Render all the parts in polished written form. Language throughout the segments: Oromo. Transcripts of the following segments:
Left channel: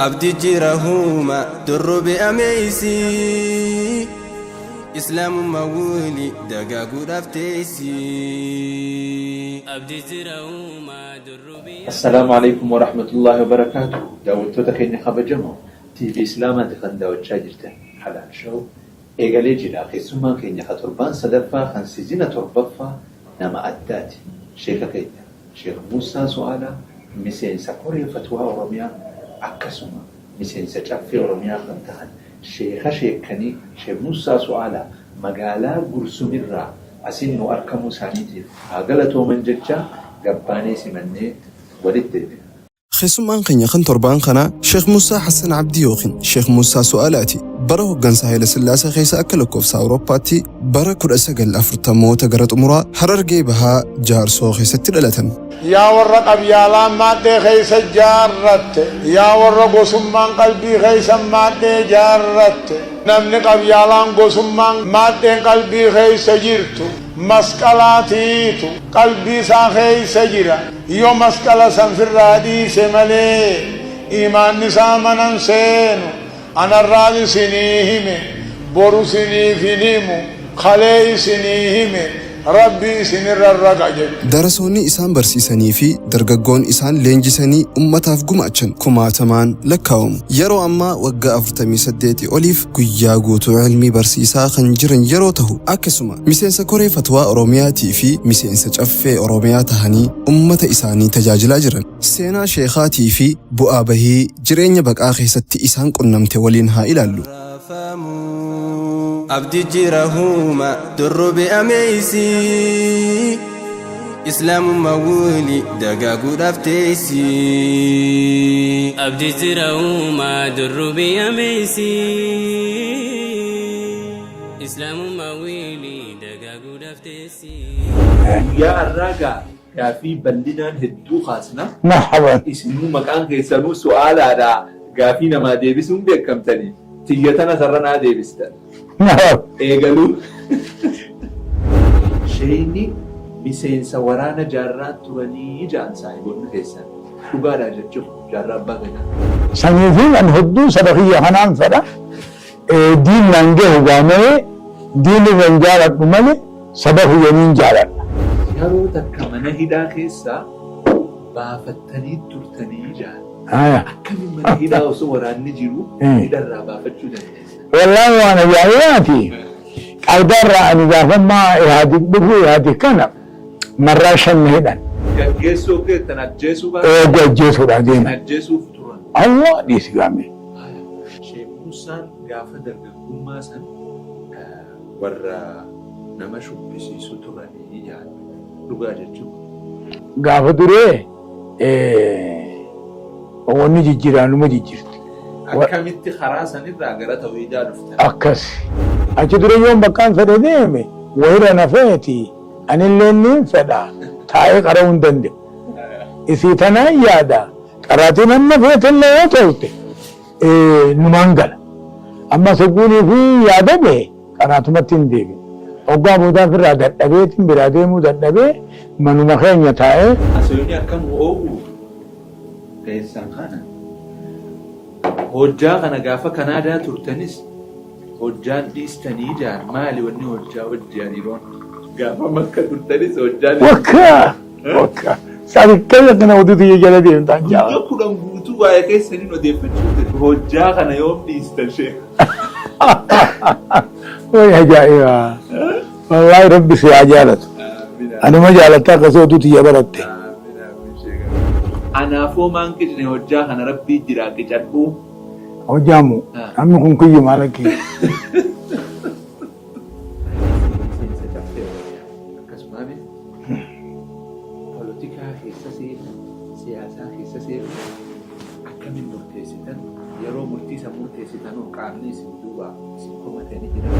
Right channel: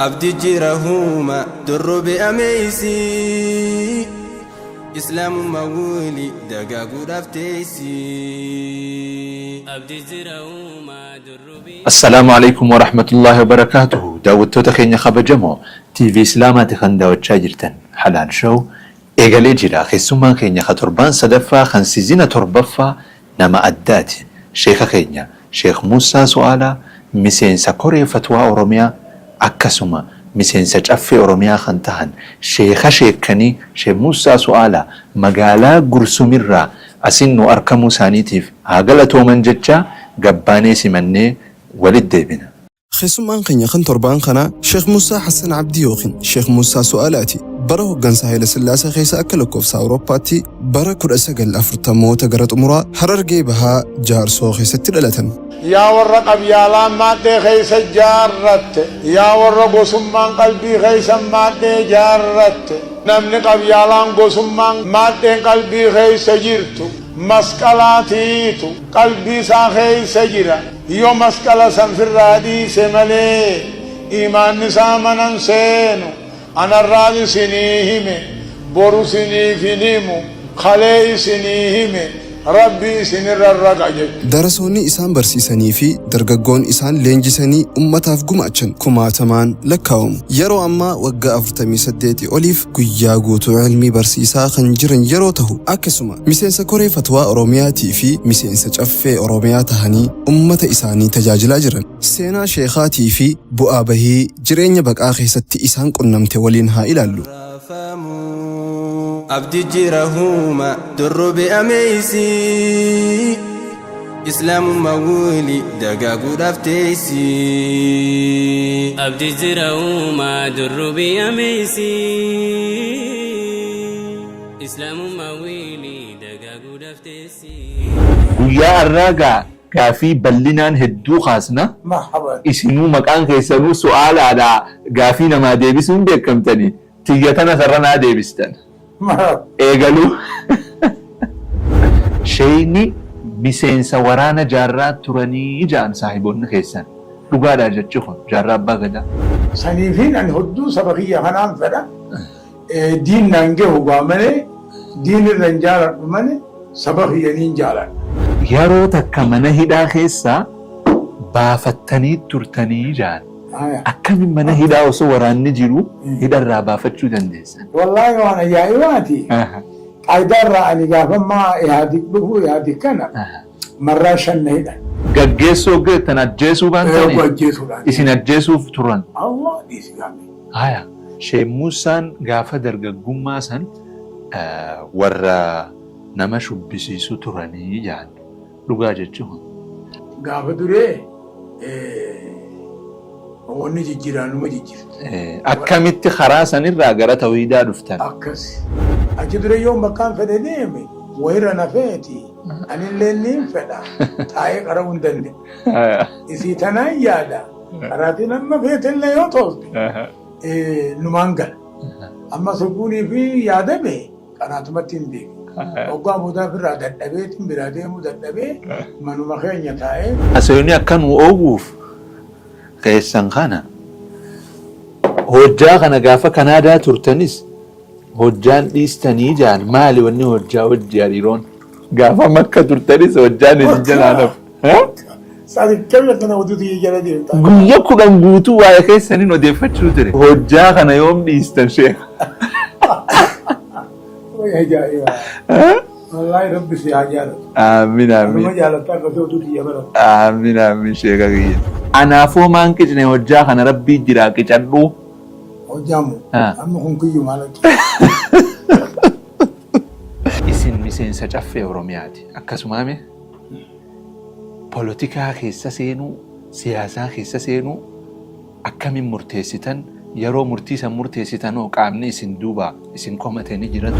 أبدي جيرهما درب أميسي إسلام مولي دقاقو دفتيسي أبدي جيرهما درب. السلام عليكم ورحمة الله وبركاته. داود تخين خبجمو تي في إسلامات خندا وتشاجرتن حلال شو إيغالي جرا خيسوما خينيا خطربان صدفا خنسيزينا تربفا نما أدات شيخ خينيا شيخ موسى سؤالا مسين سكوري فتوى أوروميا أكسوما مسين سجأفي أوروميا خنتهن شيخني شيخ موسى سؤالا مقالا قرسوميرا أسنو أركمو سانيتيف عقلتو من جتشا قباني سمني ولد ديبنا خيسومان خنيا خن تربان خنا شيخ موسى حسن عبدي يوخن شيخ موسى سؤالاتي بره جنسا هيل سلاسة خيسا أكلكوف سأوروباتي بره كل أسجل أفرتمو تجرت أمورا حرر جيبها جار سو خيسة تلالتن يا ورق بيالا مادة خيسة جارت يا ورق قسمان قلبي خيسة مادة جارت نمني قبيالان قسمان مادة قلبي خيسة جرتو مسكلاتيتو قلبي سا خيسة جرا يو مسكلا سنفر رادي سملي إيمان نسامنا سينو أنا الرادي سنيهم بورو سنيفينيمو خلي سنيهم ربي سنر الرقاجة درسوني إسان برسيساني في درجون إسان لينجساني أمتاف قماشن كماتمان لكاوم يرو أما وقع أفرتمي سديتي أوليف كياغوتو علمي برسيسا خنجرن يروته أكسما مسين سكوري فتوى أورومياتي في مسين سجأفي أورومياتهاني أمت إساني تجاجل أجرن سينا شيخاتي في بؤابه جرين يبقى آخي ستي إسان قنمت ولينها إلالو أبدي جيرهما درب أميسي إسلام مولي دقاقو دفتيسي أبدي جيرهما درب أميسي إسلام مولي دقاقو دفتيسي يا الراجع كافي بلنان هدو خاصنا مرحبا اسمو مكان كيسرو سؤال على قافينا ما ديبسون بكم تاني تيجتنا سرنا ديبستن إيجالو شيني مسينسا ورانا جارات تراني جان صاحبون خيسان لغادا جتشوخن جارات باغدا سنيفين أن هدو سبخية حنان فدا دين نانجه وغامني دين رنجالت بمني سبخية ننجالت يارو تكمنا هدا خيسا بافتني ترتني جان أكم من هدا وصوران نجرو هدا الرابا فتشو دندسا والله وانا جاياتي قدر أن يجافن ما إهادي بقو إهادي كنا مرة شن هدا جيسو تنجيسو بان جيسو رادي سنجيسو فتران الله ديس قامي هيا شيخ موسى غافا درغغوما سن ورا نمشو بسيسو تراني جان لغا جچو غافا دري وني جيران نو جير أكملت خراسا الراجرة تويدا دفتن أكس أجدر يوم مكان فدنيمي ويرا نفيتي أنا اللي نفدا تاي قرون دند إذا تنا يادا قراتنا نفيت اللي يطولت نمانجل أما سقولي في يادا به قراتنا تندبي أوقا بودا في رادة دبيت برادة مودا دبي منو مخين يتاي أسيوني أكن وأوقف كيسان خانا هوجا خانا غافا كندا ترتنس هوجان إستني جان مالي وني هوجا ودياريرون غافا مكة ترتنس هوجان وكا ساري كلنا ودوتي يجلدي قلقو لنبوتو وايا كيسانين وديفتشو تري هوجا خانا يوم إستن شيخ ويا جائرة والله ربي سيعجالت آمين أنا ما جالتها قصودوتي يبرد آمين آمين شيخ أغير أنا فو مانك جنة هوجا خانا ربي جراكي جنبو وجامو أمي كن كيو مالكي isin miseensa caffee Oromiyaati akkasumame poolitikaa keessa seenuu siyaasaa keessa seenuu akkamiin murteessitan yeroo murtiisan murteessitan oo qaamni isin duuba isin komatanii jiran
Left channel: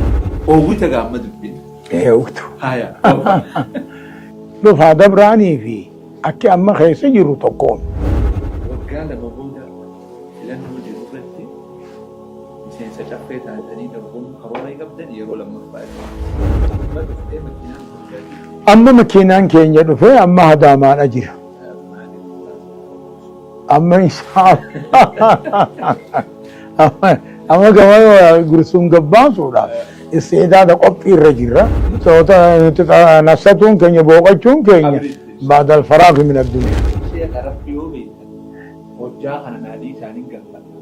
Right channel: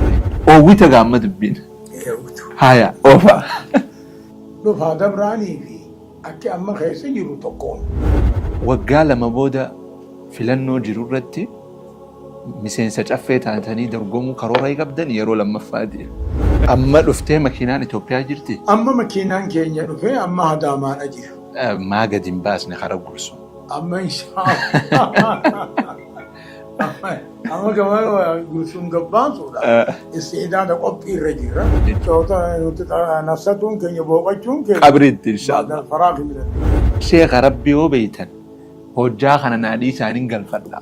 oowwita gaamma dubbiin eewutu haya dhufaa dabraanii fi akki amma keessa jiru tokkoon waggaa lama booda filannoo jiru irratti miseensa caffee taatanii dorgomuu karoora qabdan yeroo lammaffaati. Amma dhuftee makiinaan Itoophiyaa jirti? Amma makiinaan keenya dhufee amma hadaamaadha jira. Maa gadi hin baasne hara gursu. أما إن شاء الله أما كمان قرصون قبان صورة استعداد قبي الرجل صوتا نفسهم كن يبوقون كن بعد الفراغ من الدنيا شيخ ربي وبيتا هجا خنا نادي سانين قلفنا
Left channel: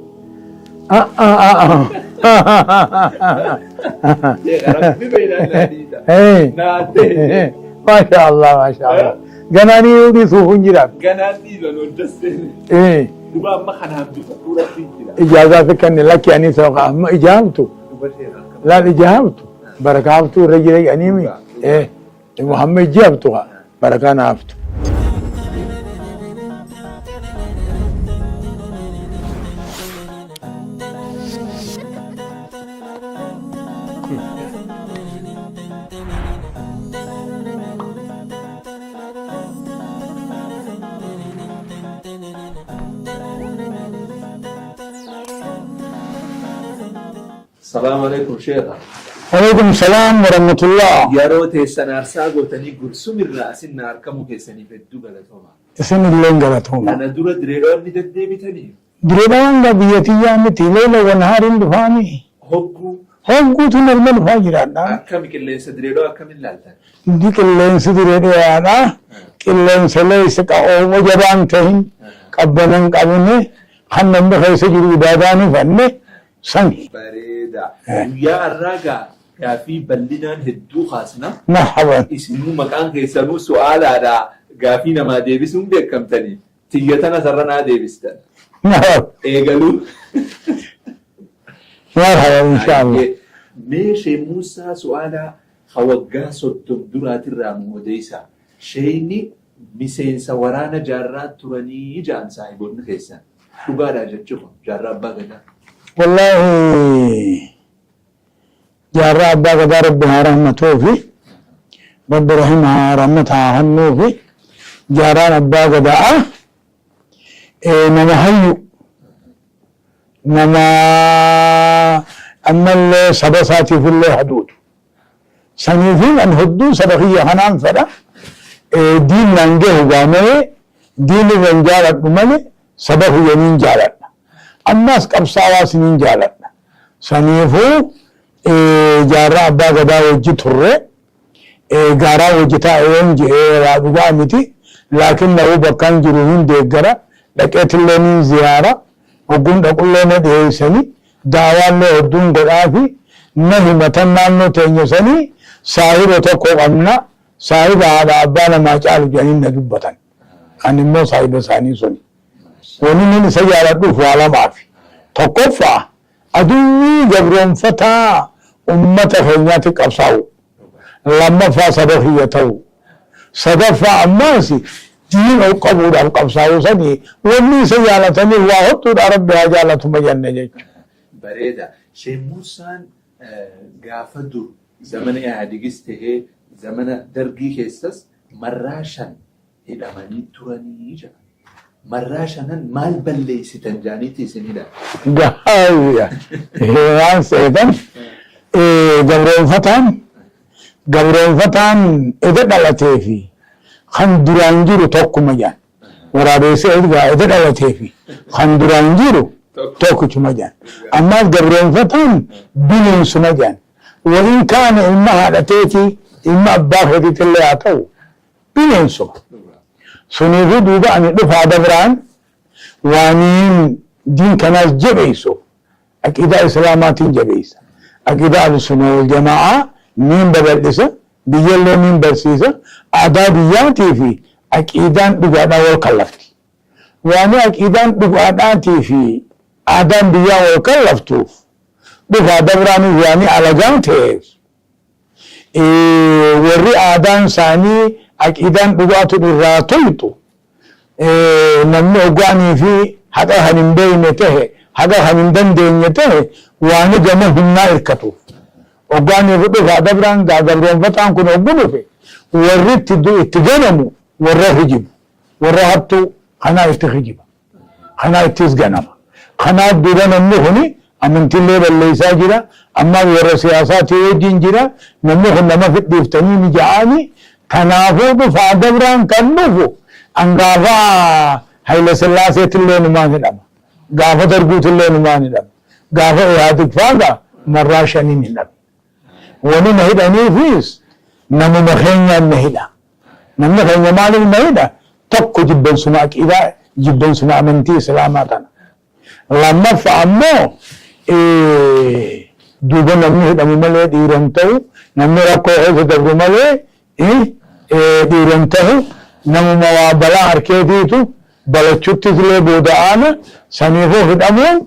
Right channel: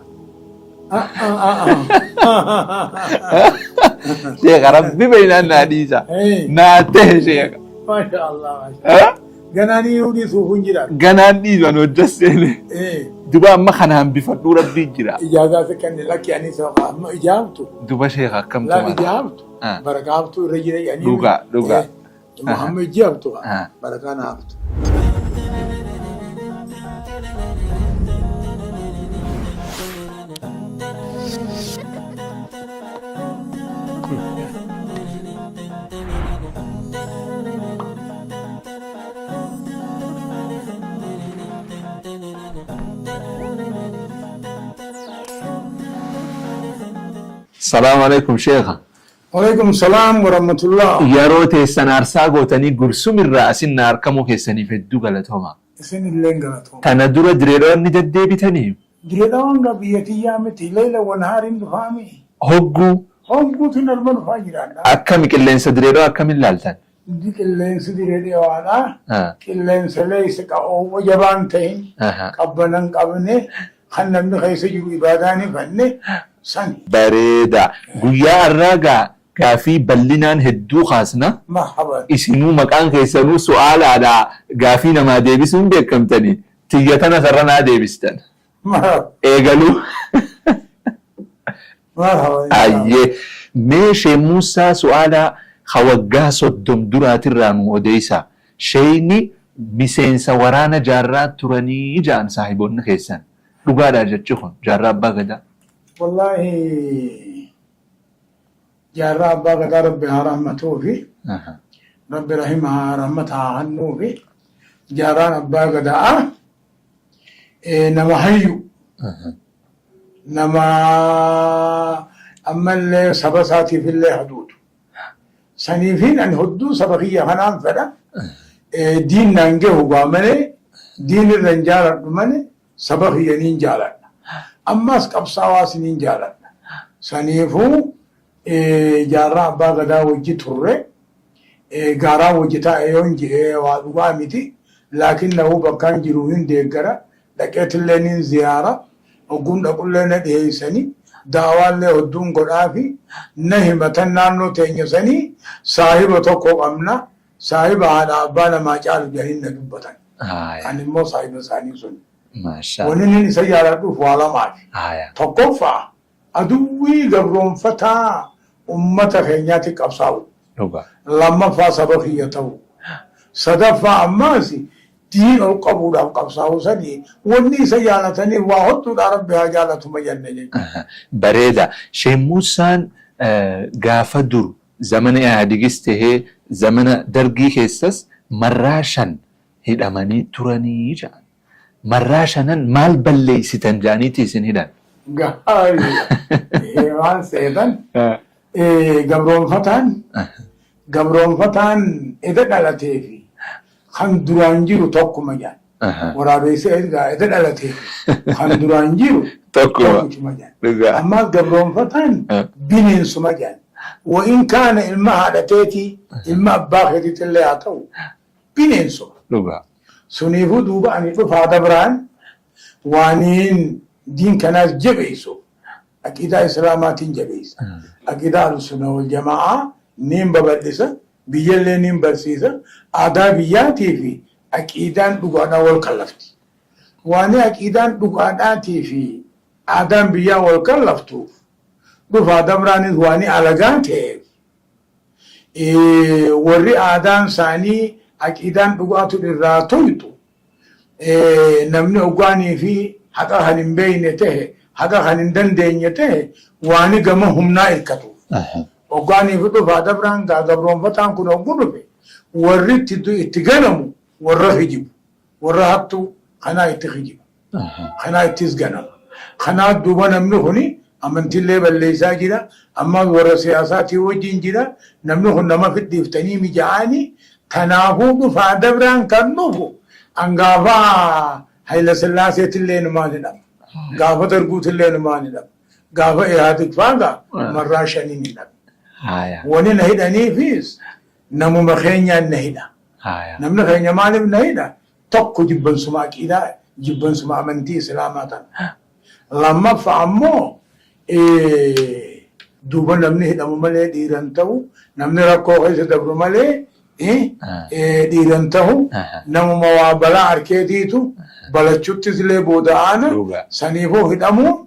شيخ ربي بين النادي سا ناته شيخ ما شاء الله ما شاء الله جناني يودي سوفن جرا جناني زانو جسني دوبا ما خنا هم بفضل ربي جرا إجازة كان لك يعني سوق ما إجابته دوبا شيخ كم لا إجابته بركاته رجل يعني محمد إجابته بركان عفته السلام عليكم شيخا. وعليكم السلام ورحمة الله. يا روتي السنار ساقو تاني قرسوم الرأس النار كمو كيساني في الدو غلطهما. سن اللين غلطهما. أنا دورا دريرون نددي بتاني. دريرون بيتي يامتي ليلة ونهار دفاني. هوغو تنرمل فاجران. أكمل كلين سدريرو أكمل لالتان. دي كلين سدريرو أنا. كلين سليس كأومو جبان تهين. قبلن قبلني. خنن بخيس جرو داداني فني. سني بريدا ويا الرجع كافي بلنان هدو خاصنا مرحبا اسمو مكان كيسلو سؤال على كافينا ما ديبسون بكم تاني تيجتنا سرنا ديبستان مرحبا ايغلو مرحبا ان شاء الله ماشي موسى سؤال خوجا صدم درات الرامو وديسا شيني مسينسا ورانا جارات تراني جان صاحبون خيسان لغادا جتشخون جارات باغدا والله جارة أبا قد ربها رحمته في رب رحمها رحمتها هنو في جارة أبا قد نما حيو نما أما اللي سبساتي في اللي حدود سنيفين أن هدو سبخية حنان فدا دين ننجه وغامني دين الرنجالة بمني سبخية ننجالة أماس قبصاوا سنين جالت سنيفو جارة أبا غدا وجي تره غارا وجتا ايون جي وابا متي لكن له بكان جروهن ديگرا لكت لنين زيارة وقم دقل لنا ديساني داوان له دون غرافي نهمتن نانو تنيساني صاحب وتقو أمنا صاحب على أبانا ما جعل جانين نجبتن أن مو صاحب ساني سوني ونين سيارة دوفوالا مافي تقفى أدوي جبرون فتا أمة فنياتي قبصاو لما فا صدقيته صدفا أماسي دين أو قبول القبصاو سني وني سيارة تني وحطو رب وجالة مجنة بريدا شي موسان غافدر زمن اعدقسته زمن درقي خيسس مراشن هداماني تراني جان مراشنن مال بلي ستنجانيتي سنهدان قاوية هيوان سيدان قبرون فتان إذا دلتي في خندرانجيرو توكو مجان ورابيسي إذا دلتي في خندرانجيرو توكو مجان أما قبرون فتان بنين سمجان وإن كان إما هدتيتي إما بافدي تلي عطو بنين سم سنيفو دوبا أن يدفع دبران وانين دين كناس جبيسو أكيدا إسلاماتين جبيس أكيدا السنة والجماعة مين ببردسة بيجلنا مين برسيسة أعدادياتي في أكيدان بقعنا والكلفتي واني أكيدان بقعداتي في أعدان بيا والكلفتوف دفع دبراني واني على جانتيز وري أعدان ثاني أكيدان بقعتو بالراتويتو نمي أقواني في حقا هنم بينته حقا هنم دندينيته واني جمعهم نائركتو أقواني في دفع دبران دبران فتان كن أقواني في وريت اتجنمو ورا هجب ورا هبتو خنا اتخجب خنا اتزجنم خنا دوبان النهني أمنت اللي بالليسا جرا أما ورا سياساتي وجين جرا نمه نما في الدفتني مجاني تنافو دفع دبران كنفو أنقافا Haile Sillaasee illee numaan hidhama. Gaafa darguut illee numaan hidhama. Gaafa Ihaadig faaga marraa shaniin hidhama. Wani na hidhaniifis namuma keenyaan na hidha. Namni keenya maaliif na hidha? Tokko jibbansuma aqiidaa, jibbansuma amantii Islaamaa tana. Lammaffaa ammoo duuba namni hidhamu malee dhiiran ta'u, namni rakkoo keessa dabru malee dhiiran ta'u, namuma waa balaa harkeetiitu balachuttis illee booda'aana saniifuu hidhamuun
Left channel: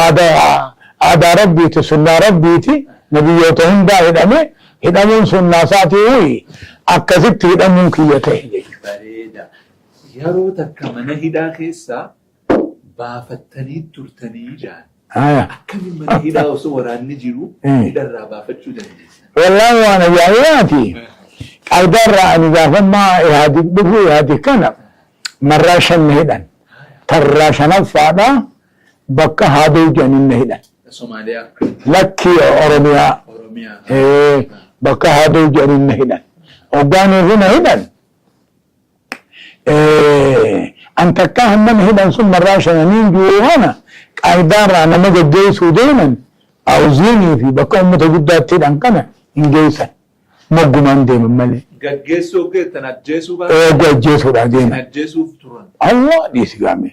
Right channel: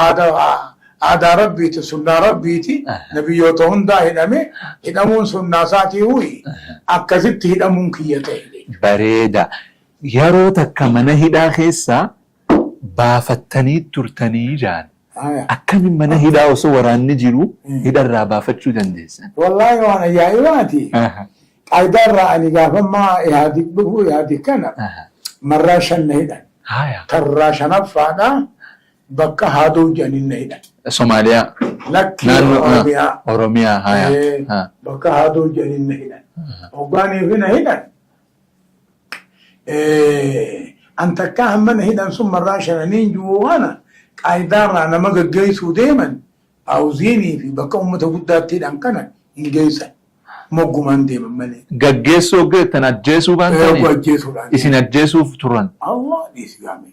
aadaa rabbiiti, sunnaa rabbiiti, nabiyyoota hundaa hidhamuun sunnaa isaatii akkasitti hidhamuun kiyya ta'e. Bareeda. Yeroo takka mana hidhaa keessaa baafattanii turtanii jaan. Akkamiin mana hidhaa osoo waraanni jiru hidharraa baafachuu dandeessan? Wallaahi waan ajaa'ibaati. Qalbiirraa ani gaafammaa Ihaadig dhufu Ihaadig kana marraa shan na hidhan. Tarraa shanaffaadha bakka haaduu jedhaniin na hidhan. Somaaliyaa. Lakki Oromiyaa. Oromiyaa. Bakka haaduu jedhaniin na hidhan. Hoggaaniif na hidhan. An takka hamman hidhan sun marraa shananiin jiru kana qaayidaarraa nama gaggeessuu deeman awuziinii fi bakka uummata guddaatti hidhan kana hin geessan. Moggumaan deeman malee. Gaggeessuu tan ajjeesuu kan ajjeesuudhaan isin ajjeesuuf turan. Allah dhiisi gaame.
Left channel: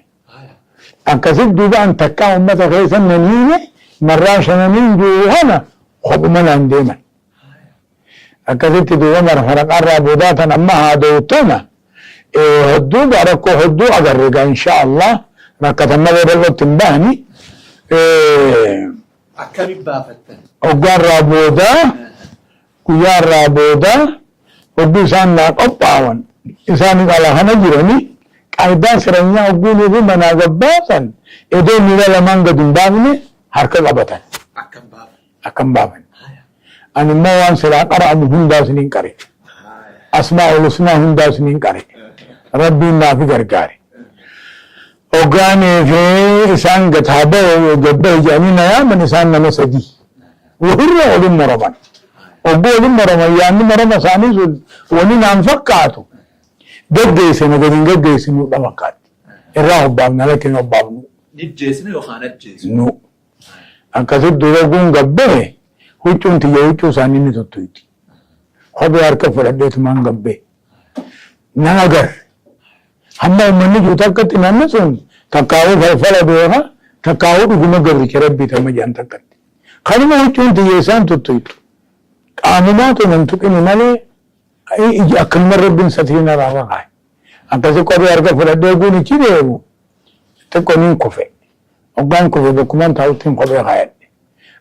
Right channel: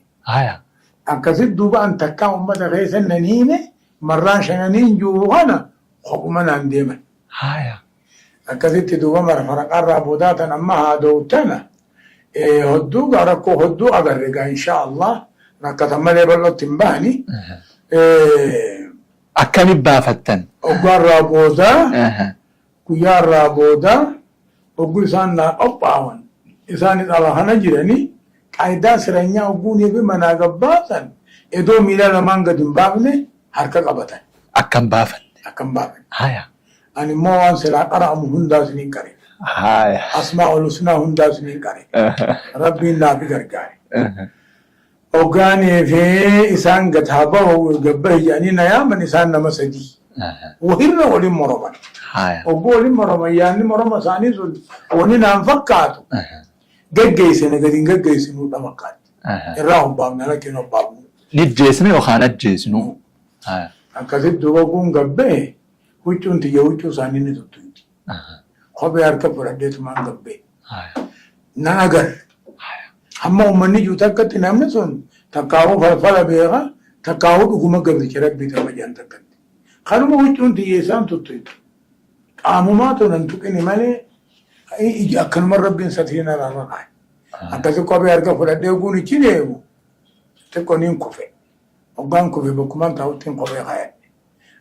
Akkasitti duuba an takka uummata keessa naniine marraa shananiin jiru kana kophuma naan deeman. Akkasitti duuba marfaraqaarraa boodaa tan amma haada'u tana hedduu rakkoo hedduu agarre gaa insha Allah rakkatan malee irratti hin bahani. Akkamitti baafattan? Hoggaarraa boodaa guyyaarraa boodaa hogguu isaan naa qophaawan isaanis ala kana jiranii qaayidaa sireenyaa hogguunii fi manaa gabbaasan edoo miila lamaan gad hin baafne harka qabatan. Akkam baafan? Akkam baafan. Ani immoo waan silaa qara'amu hundaas niin qare. Asmaa'ul husnaa hundaas niin qare. Rabbiin naaf gargaare. Hoggaanii fi isaan gataaboo gabbaa ijaanii na yaaman isaan nama sadii. Wahirra waliin moroman. Obbo waliin moroman yaanni moroma isaanii sun wani naan fakkaatu. Gaggeessine gadiin gaggeessinu dha fakkaatti. Irraa obbaafna lakin obbaafnu. Nijjeesne yookaan ajjeesnu. Akkasitti dura kun gabbee huccuun tiyya huccuu isaanii ni tuttuuti. Kophee harka fudhadheetumaan gabbee. Nan agar. Hamma uummanni jiru takkatti namni sun takkaa'uu falfala beeka takkaa'uu dhuguma gabricha rabbii tamma jedhan takkatti. Kanuma huccuun tiyya isaan tuttuutu. Qaanumaatu nan tuqini malee akkanuma rabbiin satiina raafa kaa'e. Akkasi kophee harka fudhadhee kun ichi deemu xiqqoo niin kufe. Hoggaan kufe bakkumaan taa'uttiin kophee kaayadhe.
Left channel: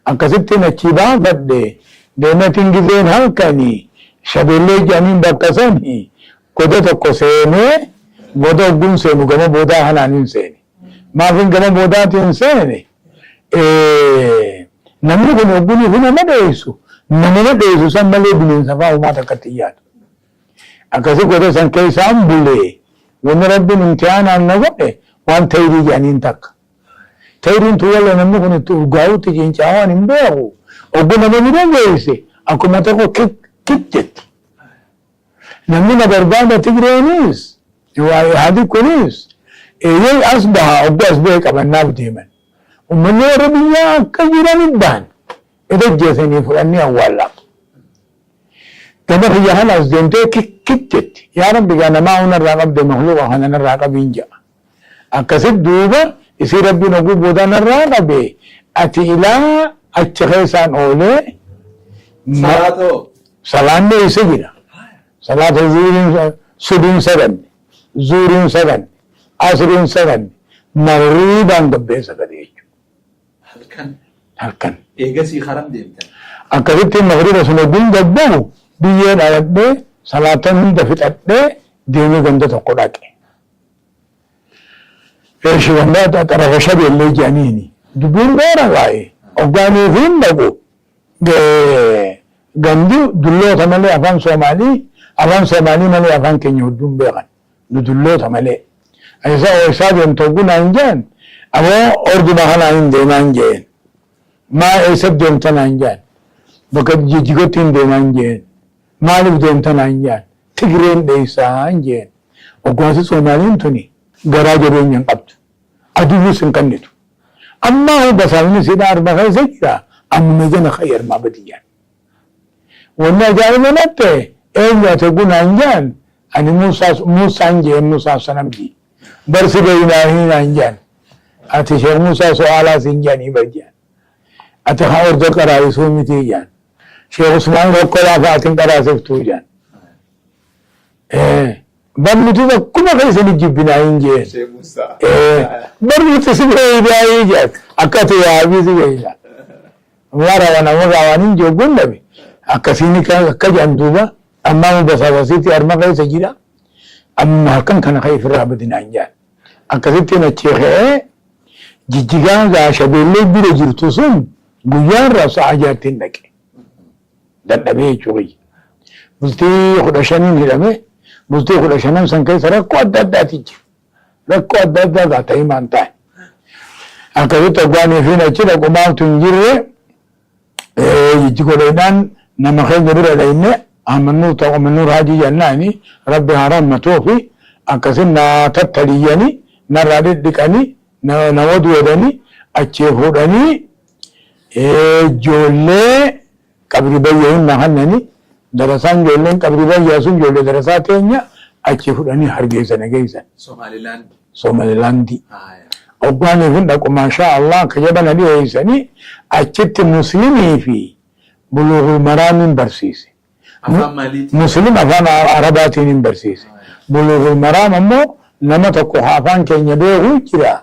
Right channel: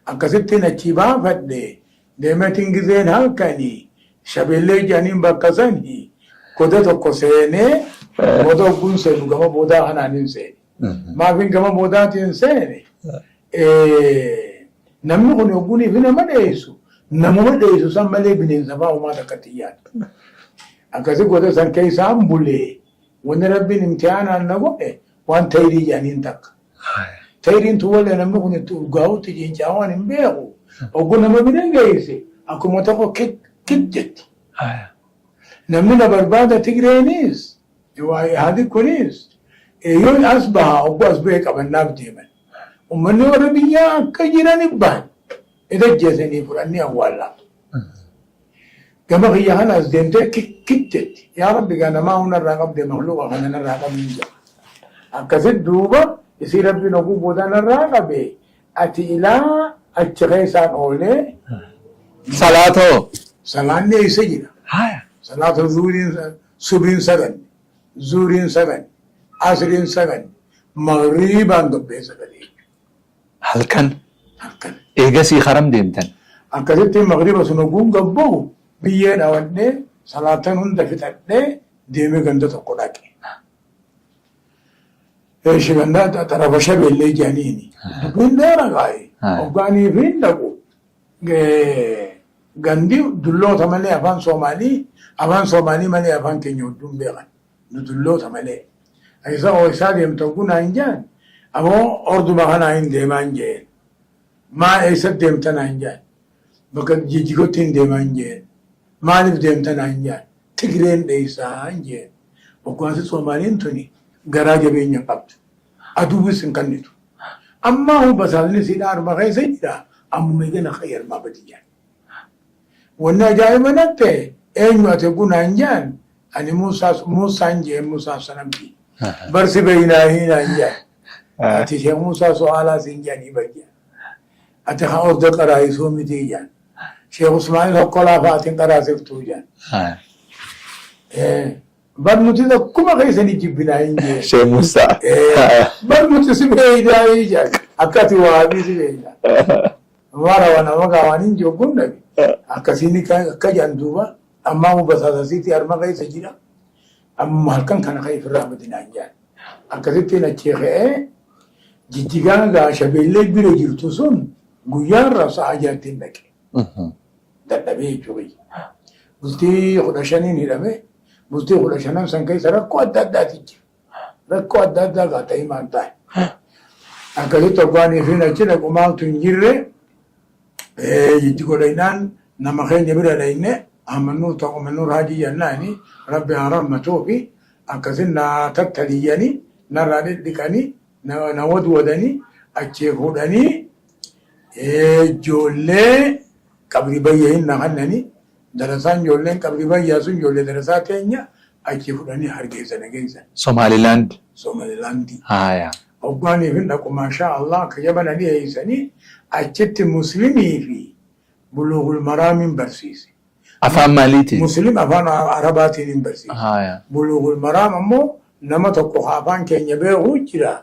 Akkasittiin achi baafadhe deematiin gizeen halkanii shabeellee jedhaniin bakka sanii goda tokko seenee goda hogguun seenu gama boodaa hanaaniin seene. Maafin gama boodaatiin seene namni kun hogguunii fi nama dheessu. Namni dheessu san malee bineensa fa'aa uumaa takkatti yaadu. Akkasii goda san keessaan bulee wanni rabbiin imtihaanaan na godhe waan ta'irii jedhaniin takka. Ta'iiriin tuwala namni kun itti urgaa'uutti ciincaawaan hin beeku. Obbo nama bira geesse akkuma tokko kik jetti. Namni na barbaada Tigreenis Ihaadig kunis eeyyee as baha obbo as ba'e qabannaaf deeman. Uummanni warra biyyaa akka jiranit ba'an. Edajjeesanii fudhannee awwaallaa. Gama biyya kanas deemtee kik jetti. Yaa Rabbi gaa namaa hunarraa qabde mahluuqa kanarraa qabiin jedha. Akkasitti duuba isii rabbiin oguu boodanarraa qabe ati ilaa achi keessaan oolee salaatoo salaanni isa jira. Salaatoo subiin saganne, zuuriin saganne, asriin saganne, magriibaan gabbee sagadee jechuudha. Halkan. Eegasii haram deemtan. Akkasitti magriiba sun oguun gabbuu biyyee dhaladhee salaatan hunda fixadhee deemee ganda tokko dhaqe. Shigannaa xarafa shabeellee jedhaniini. Dubbiin dheeraa baay'ee. Hoggaanii fi hin dhaqu. Gandi dulloota malee afaan Soomaalii malee afaan keenya hedduun beekan. Nu dulloota malee. Isaa deemtu oggunaa hin jeen. Ammoo orduma kanaa hin deemaa hin jeen. Maa eessatti deemtanaa hin jeen. Bakka jijjigotti hin deemaa hin jeen. Maaliif deemtanaa hin jeen. Tigreen dheessaa hin jeen. Hoggaansi Soomaaliin tuni garaa jabeenya hin qabdu. Aduunis hin kennitu. Amma hoo basaasni si dhaarba keessa jira ammuma jana khayyarmaa badiyyaan. Wanni ajaa'iba natte eenyu ate gunaan jaan ani Muusaan jee Muusaa sanamti. Barsi baynaa hinaan jaan. Ati Sheekh Muusaa so'aalaa sin jaanii bajjaan. Ati haa orda qaraayisuu miti jaan. Sheekh Usmaan Rokkolaa fa'aatiin qaraasiftuu jaan. Barnuti akkuma keessani jibbinaa hin jee. Sheekh Muusaa. Barnuti si beeydaa hin jee. Akkati waabii si beeydaa. Warra waan hin jooggun dhabe. Akkasiin akka jaan duuba ammaa basaasasiitti harma keessa jira. Amma halkan kana ka'e ofirraa badinaa hin jaan. Akkasitti nacheekee jijjigaan gaashabeellee bira jirtu sun guyyaa irraa sa'a jaatti hin dhaqe. Dadhabee jechuudha. Bultii 15 hidhame. Bultii 15 san keessa rakkoo adda addaati jira. Rakkoo adda addaa gaata himaan taa'e. Akkasitti obbaanii fi achi dhaqu maaltu hin jirre jijji godheedhaan nama keenya bira dhayne amannuu raajii jennaani rabbi haa rammatoo fi akkasin na tattaliyyanii narraa dhidhiqanii na waduudhanii achii fuudhanii ijoollee qabri bayyee hin nahannanii darasaan ijoolleen qabri bayyaa sun ijoollee darasaa teenya achii fuudhanii hargeessana geessan. Somaalilaandi. Obbaanii fi dhaqu maashaa Allah ka jedhana dhiyeessanii achitti muslimii fi buluugul maraamin barsiise. Afaan maaliitiin? Muslim afaan arabaatiin hin barsiise. Buluugul maraam ammoo nama tokko afaan keenya beekuu jira.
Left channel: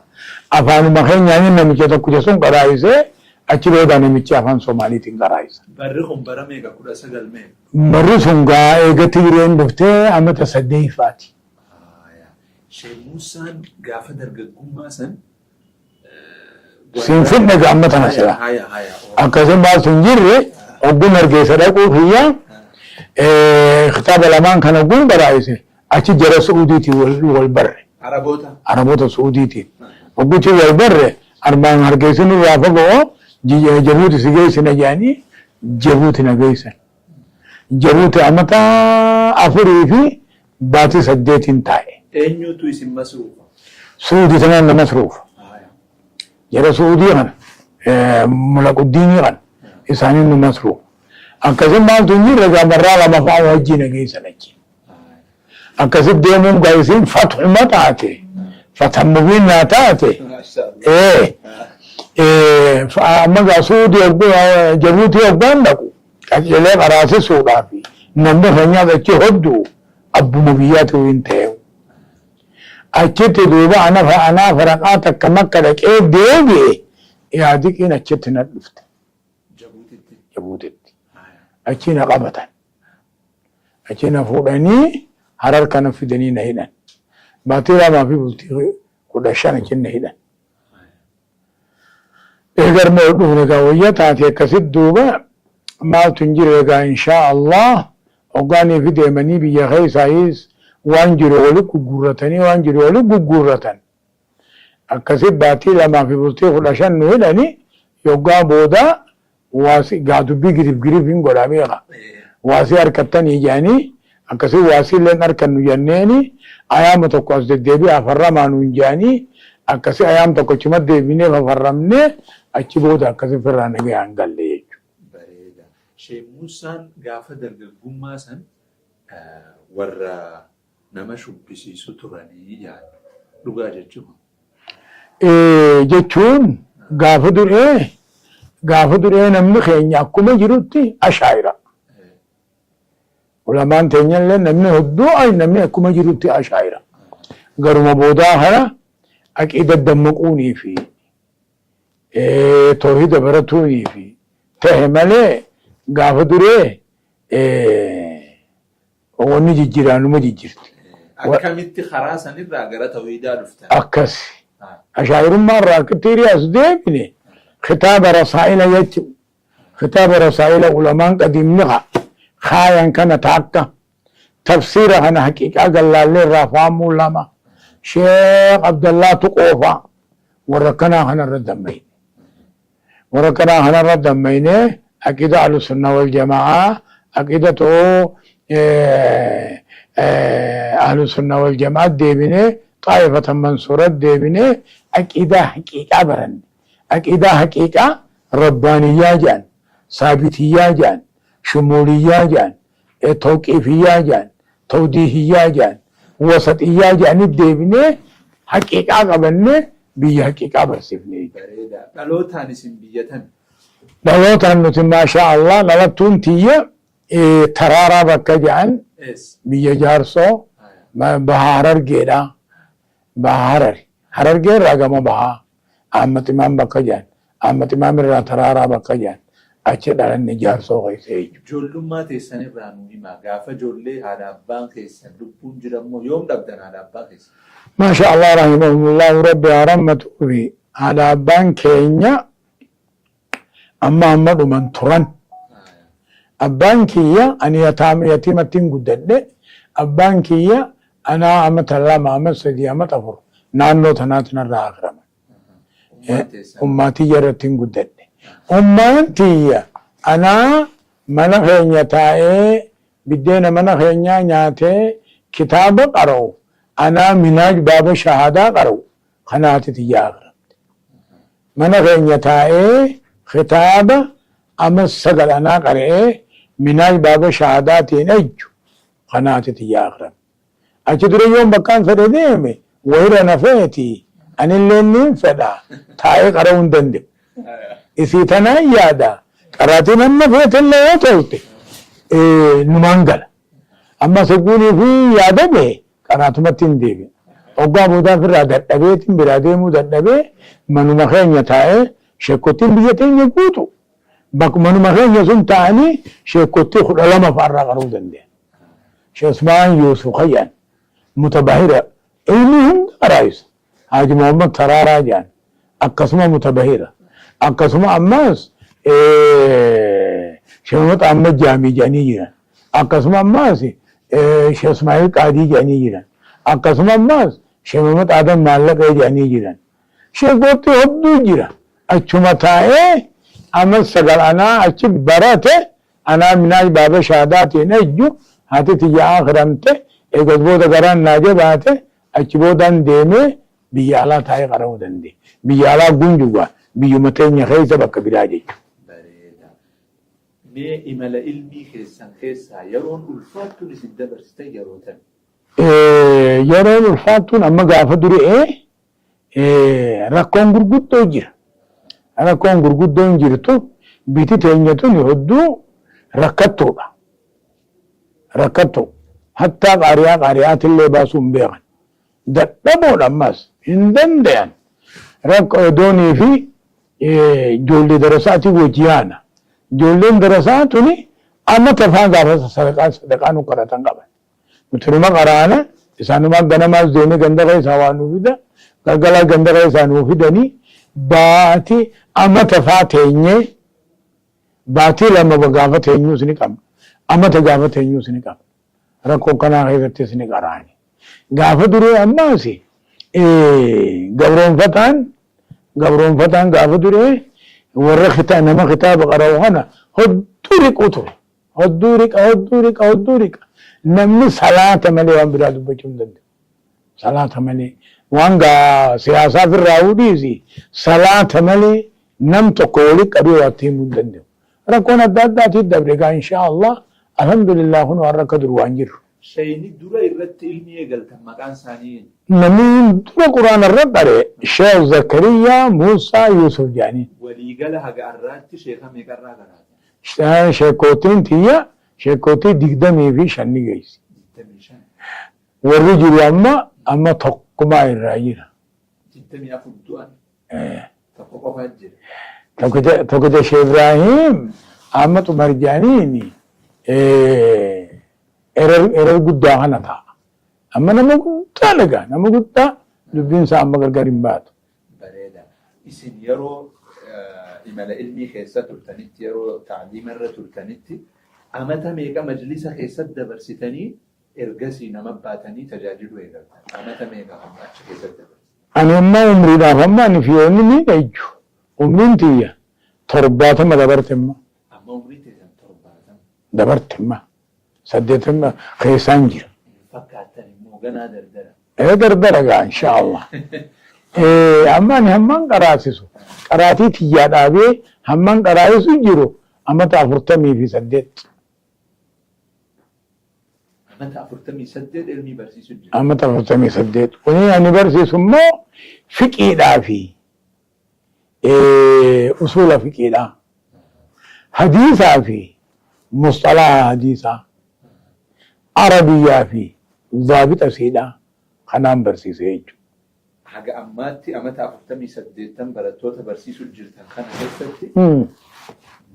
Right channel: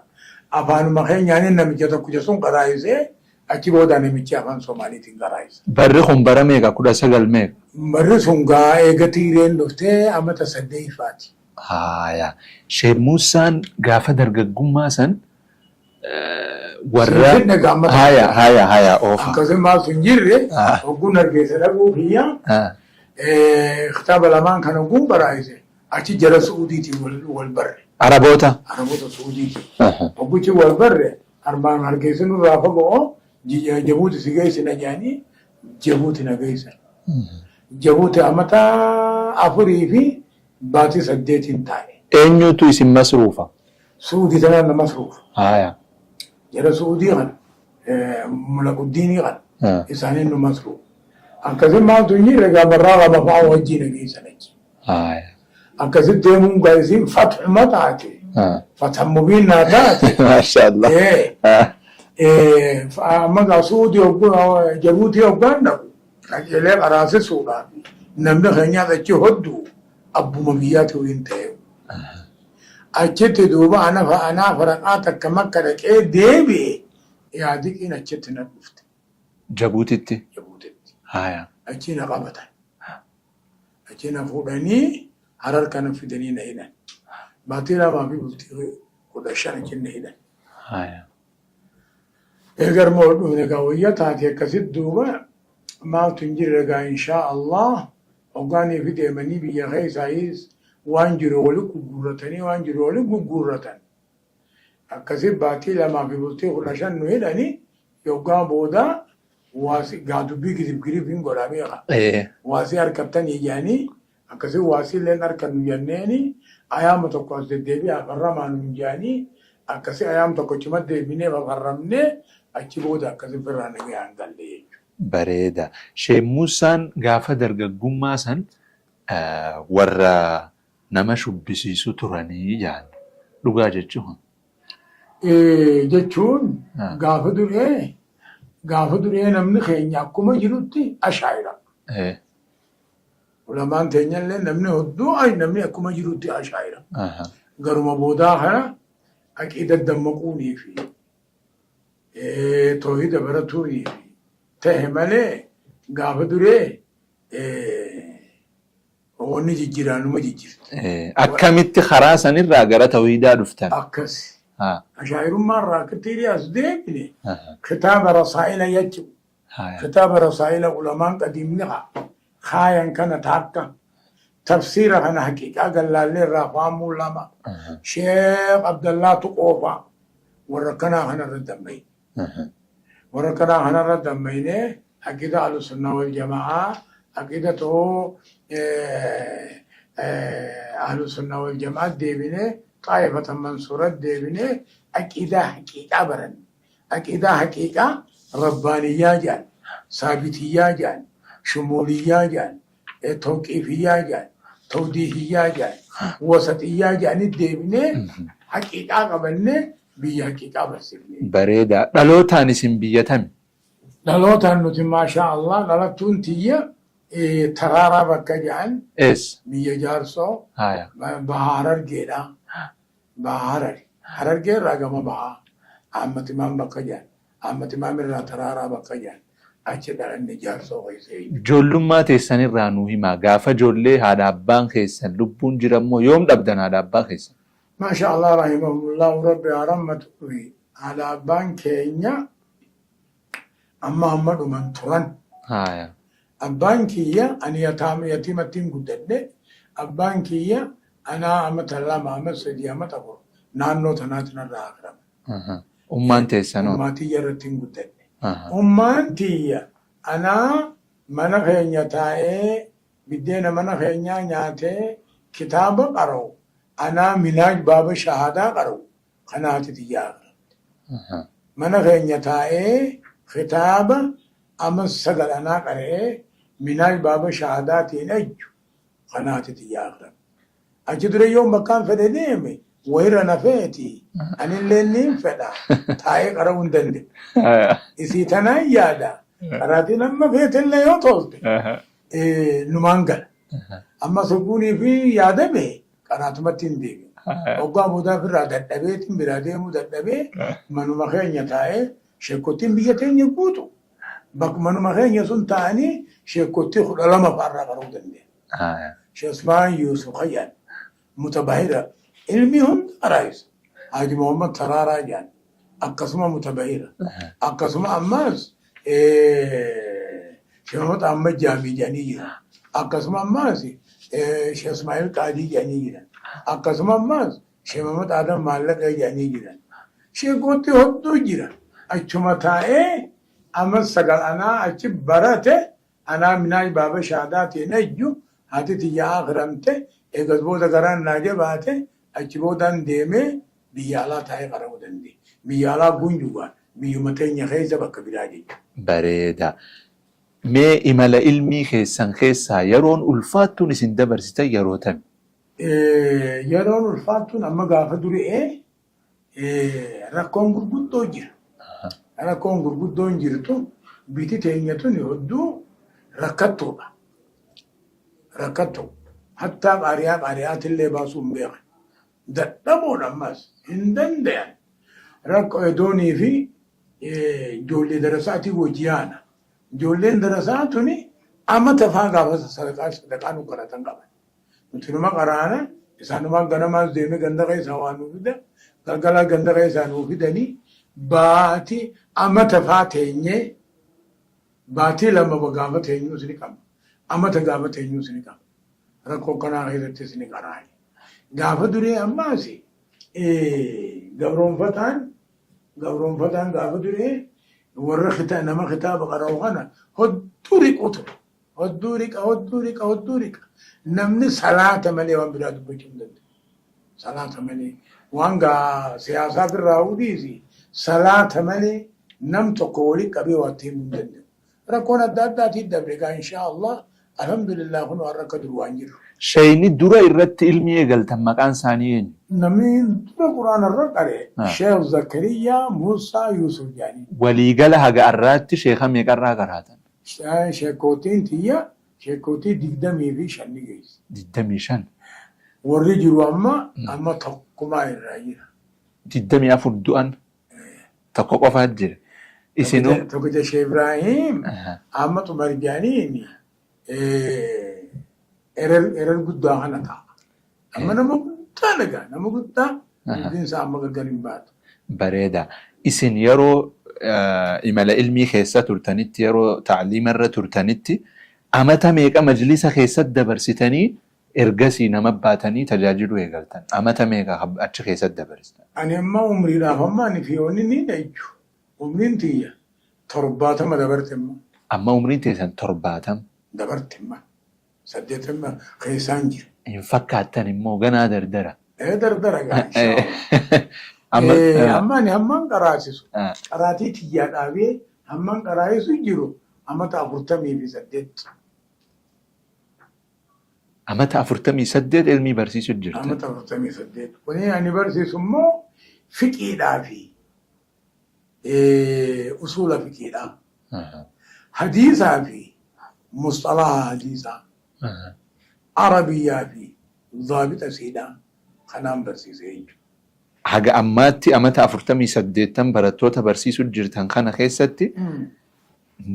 Afaanuma keenyaan namicha tokko jechuun qaraayisee achi booda namichi afaan Somaaliitiin qaraayisa. Barri kun bara meeqa 19 meeqa? Barri sun gaa eega Tigireen dhuftee amata 8faati. Sheekh Muusaan gaafa dargaggummaa san Sinfinne gammata akkasuma maaltu hin jirre ogguun hargeessa dhaquu fiyyaa kitaaba lamaan kana ogguun baraayise achi jara Suudiitiin wal barre. Araboota Suudiitiin. Ogguutiin wal barre armaan hargeessinu gaafa ga'oo Jabuuti si geessina jedhanii Jabuuti na geessan. Jabuuti amata 4 fi baatii 8 taa'e. Eenyutu isin masruufa? Suudii tanaan na masruufa. Jara Suudii kana mulaquddiinii kana isaanii nu masruufa. Akkasii maaltu hin jirre gaabarraa lama fa'aa wajjii na geessan achi. Akkasii deemuun gaa'isiin fatxuma taate. Fatxa mubiinaa taate. Amma gaa Suudii Jabuutii hoggaan dhaqu qajeelee qaraasisuudhaaf namni fayyaa achi hoddu abbuma biyyaatu hin ta'e. Achitti duuba anaa faraqaa takka makka dhaqee deebi'e yaadiqiin achitti na dhufte. Jabuutitti? Jabuutitti. Achi na qabatan. Achi na fuudhanii Harar kana fidanii na hidhan. Baatii lamaa fi bultii 15 achi na hidhan. Eegar moo dhufne gaa wayya taate akkasitti duuba maaltu hin jirre gaa inshaa Allah hoggaanii fi deemanii biyya keessaayis waan jiru wali gurguratanii waan jiru wali gurguratan. Akkasitti baatii lamaa fi bultii 15 nu hidhanii yoggaa booda waasi gaa dubbii girif hin godhameera. Waasii harkattanii jedhanii akkasitti waasii illeen harkannu jenneeni ayyaama tokko as deddeebi'ee afarramaa nuun jedhanii akkasitti ayyaama tokko chima deebinee afarramnee achi booda akkasitti firraa nagayaan galle jechuudha. Bareeda. Sheekh Muusaan gaafa dargaggummaa san warra nama shubbisiisu turanii jaan dhugaa jechuun. Jechuun gaafa duree namni keenya akkuma jirutti ashaayira. Ulamaan teenyallee namni hedduu namni akkuma jirutti ashaayira. Garuma boodaa kana aqiida dammaquunii fi toohida baratuunii fi ta'e malee gaafa duree wanni jijjiiraanuma jijjiirti. Akkamitti karaa sanirraa gara tawhiidaa dhuftan? Akkas. Ashaayirummaa irraa akkitti deebine kitaaba rasaa'ila jechuudha. Kitaaba rasaa'ila ulamaan qadiimni kaayan kana taakka tafsiira kana haqiiqaa gallaallee irraa faamuu lama Sheekh Abdallaa Tuqoofaa warra kanaa kanarra dammayne. Warra kanaa kanarra dammayne aqiida ahlusunnaa wal jamaa aqiida too ahlusunnaa wal jamaa deebine طائفة منصورة ديبني أكيدا حقيقة برن أكيدا حقيقة ربانية جان ثابتية جان شمولية جان توقيفية جان توضيحية جان وسطية جان ديبني حقيقة قبلني بي حقيقة برسفني بريدا دلوتان اسم بيتم دلوتان نتي ما شاء الله للتون تية ترارا بكا جان اس بي جارسو هايا بهارر جيدا بهارر هرر جيد رقم بها أمت إمام بكا جان أمت إمام را ترارا بكا جان أچه دارن جارسو غيسي جولما تيسان الرانو هما غافا جولي هذا أبان خيسان لبون جرمو يوم دبدن هذا أبان خيسان ما شاء الله رحمهم الله ربي رحمته في هذا أبان كينيا أما أمد من تران هايا أبان كيا أن يتيمتين قدد أبان كيا أنا أمت الله ما أمت سيدي أمت أفر نانو تناتنا الرأخرم أمان تيسان أماتي يرتين قدد أماتي أنا من خينيا تاي بدينا من خينيا نياتي كتاب قرأو أنا مناج باب شهادة قرأو خناتي تياغرم من خينيا تاي خطاب أمس سقل أنا قرأ مناج باب شهاداتي نجو خناتي تياغرم أجدر يوم بكان فرديمي ويرا نفيتي أن اللي ننفدا تاي قرأون دندق إذا تنايادا قرأتنا النفيت اللي يطلت نمانقل أما سقوني في يادبه قرأتما تنديبي وقا بودا في رادت أبيت براديمو دادبه منو مخين يتاي شكوتين بيتين يقوتو بك منو مخين يسون تاني شكوتي خد علامة فارا قرأو دندي شو اسمان يوسف خيان متباهرة علمهم قرائس حاج محمد ترارا جان أقسمه متباهرة أقسمه أماس شمت أحمد جامي جاني جنا أقسمه أماس شيخ اسماعيل قادي جاني جنا أقسمه أماس شمت آدم مالك جاني جنا شيخ بوتي هدو جنا أچمتاء أمس سقل أنا أچب برate أنا مناج باب شهاداتي نجو هاتي تجي آخرمته eegas booda garaan naajee baate achi boodaan deemee biyya alaa taa'ee qara'uu danda'e. Biyya alaa gunjuwa biyyuma teenya keessa bakka biraa jechuudha. Bareeda. Mee imala ilmii keessan keessaa yeroon ulfaattuun isin dabarsite yeroo tami? Yeroon ulfaattuun amma gaafa duree rakkoon gurguddoo jira. Rakkoon gurguddoon jirtu biti teenya tun hedduu rakkattuudha. Rakkattuu. حتى قارئات اللي باسون بيغن دبون أماس هندن ديان رك دوني في جولي درساتي وجيانا جولين درساتني أما تفان قارس صدقان وقراتن قبل مترما قرانا إسانو ما غنما زيني غندرة سوانو فيدا غلغلا غندرة سانو فيدني باتي أما تفاتيني باتي لما بغافتينيو سنكام أما تغافتينيو سنكام rakkoon kanaa keessattis ni qaraani. Gaafa duree ammaasi gabroonfataan gaafa duree warra nama kitaaba qara'u kana hedduu riqu ture. Hedduu riqa. Namni salaata malee waan biraa dubbachuu hin danda'u. Salaata malee waan siyaasaa firraa dhiisi salaata malee nam tokko walitti qabee waa himuu hin danda'u. Rakkoon adda addaatiif dabre gaa inshaa Allah alhamdulillah kun waan rakka duru waan jiru. Shayni dura irratti ilmi eegaltan maqaan isaanii eenyu? Namni dura quraana irra qare Sheekh Zakariyaa Muusaa Yuusuf jedhanii. Waliigala haga arraatti sheeka meeqarraa qaraatan? Sheekootiin tiyya sheekootii 25 ni geessi. 25. Warri jiru amma tokkumaa irraa jira. 24 du'an tokko qofaa jira. Tokko Sheekh Ibraahiim amma xumar jedhaniini. Erer guddaa kana ta'a. Amma nama guddaa laga nama guddaa dubbiin isaa amma gargar hin baatu. Bareeda. Isin yeroo imala ilmii keessa turtanitti yeroo tacliima irra turtanitti amata meeqa majlisa keessatti dabarsitanii ergasii nama baatanii tajaajiluu eegaltan? Amata meeqa achi keessatti dabarsitan? Ani amma umriidhaaf amma ani fiyoonni ni dhayyu. Umriin tiyya 70 dabarte amma. Amma umriin teessan 70? Dabarte amma. 80 keessaan jira. Hin fakkaattan immoo ganaa dardara. درجة إن شاء الله أمان همّن قراسيسو قراتي تيجاد أبي همّن قراسيسو جيرو أما تافرتمي في سدت أما تافرتمي سدت علمي برسيسو جيرو أما تافرتمي سدت وني أنا برسيسو مو فقه دافي أصول فقه دا حديثا في مصطلح حديثا عربية في ضابط أسيدا خنام برسيسيج haga ammaatti amata 48 barattoota barsiisuu jirtan kana keessatti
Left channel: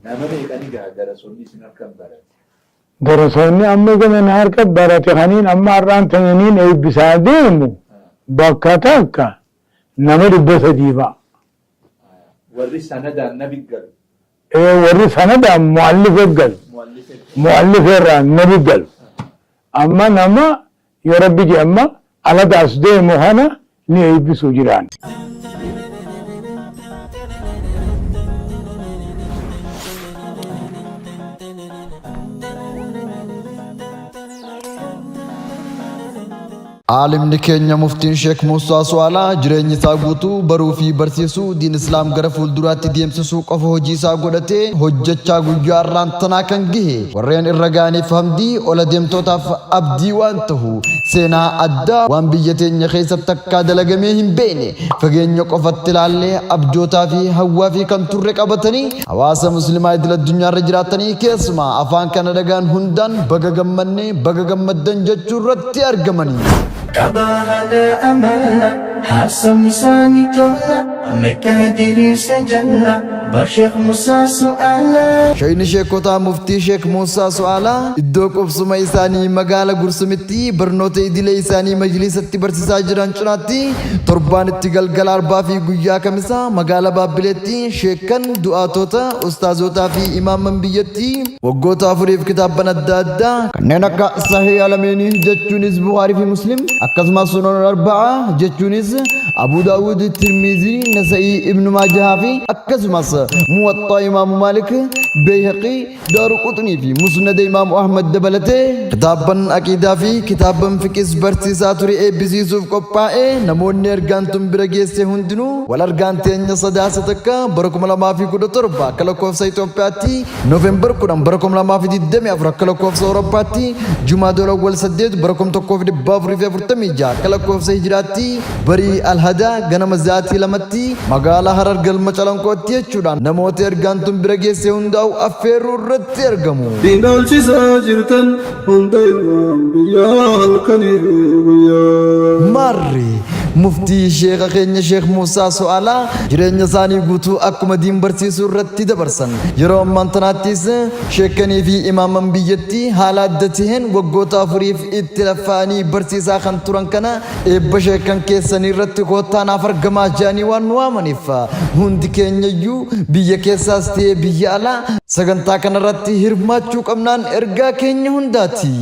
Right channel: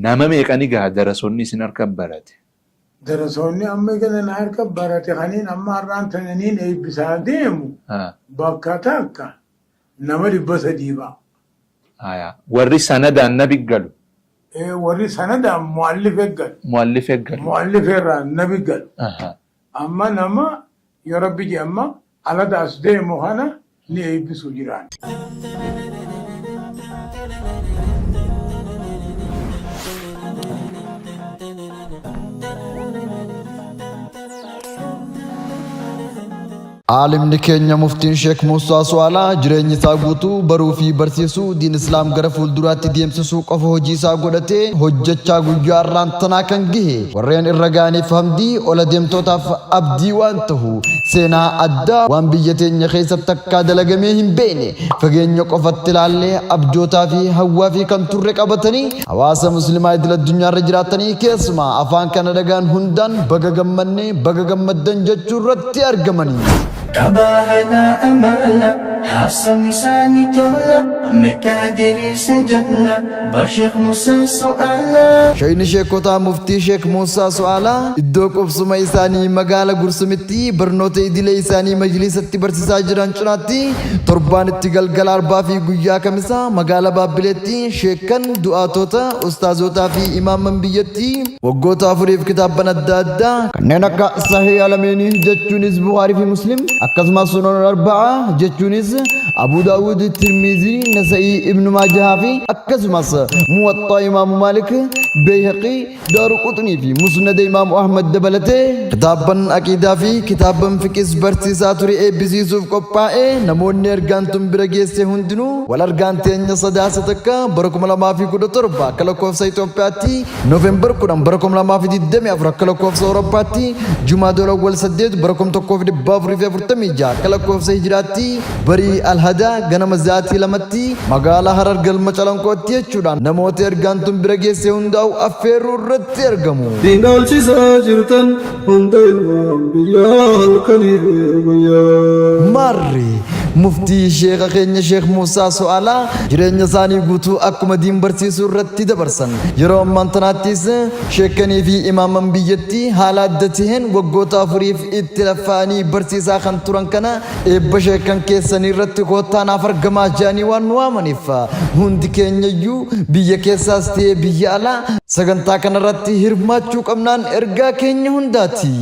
nama meeqani gaa darasoonni isin harka barate darasoonni amma gaman harka barate kaniin amma arraan tananiin eebbisaa deemu bakka takka nama 300 aya warri sanadaan nabi galu warri sanadaan muallif irraa nabi galu amma nama yoo rabbi ji amma aladaas deemu hana ni eebbisu jiraan عالمني كينيا مفتين شيخ موسى سوالا جريني ساغوتو بروفي برسيسو دين اسلام غرا فولدراتي ديمسسو قفو هجيسا غودتي هجچا غياران تناكن غي ورين الرغاني فهمدي ولا ديمتوتاف ابدي وانتهو سينا ادا وان بيتين خيسب تكا دلغميهم بيني فغينيو قفتلالي ابجوتا في هوا في كنتور قبتني حواس مسلماي دل الدنيا رجراتني كيسما افان كندغان هندان بغغمني بغغمدن جچورتي ارغمني كباهنا أملنا حاسم لساني تولا مكادري سجلنا بشيخ موسى سؤالا شاين شيخوتا مفتي شيخ موسى سؤالا ادوك افسما إساني مقالة قرسمتي برنوتي دي إساني مجلس برسيسا جران چناتي تربان اتقال قلار بافي قويا كمسا مقالة بابلتي شيخن دعاتوتا استازوتا في إمام منبيتي وقوتا فريف كتاب بندادا كنينك صحيح علميني جتشونيز بخاري في مسلم أكثما سنن الأربعة جتشونيز أبو داود الترمذي نسائي ابن ماجه في أكثما موطأ إمام مالك بيهقي دار قطني في مسند إمام أحمد دبلته كتابا أكيدا في كتابا فكس برسيسا تري بزيسوف قبائي نمون نرغانتم برغيسي هندنو والارغانتين صداستك بركم لما في كود تربا كالكوف سيتون باتي نوفمبر كودم بركم لما في دمي أفرا كالكوف سورباتي جمعة الأول سديد بركم تكوف دي بافري في فرتميجا كالكوف سيجراتي بري الهدا غنم زاتي لمتي مغالا هرر قلم چلنكوتي چودان نموت ارغانتم برغيسي هندو أفيرو رت ارغمو دينال چيسا جرتن هندل بيال كنير ماري مفتي شيخ خيني شيخ موسى سؤالا جرين ثاني غوتو اكما دين برسيسو رتي دبرسن يرو مانتناتيس شيخني في امام بيتي حالات دتهن وغوتا فريف اتلفاني برسيسا خنتورن كنا ابشيكن كيسني رتي كوتا نافر غما جاني وان وامنيفا هند كينيو بيا كيساستي بيالا سغنتا كن رتي هرماچو قمنان ارغا كيني هنداتي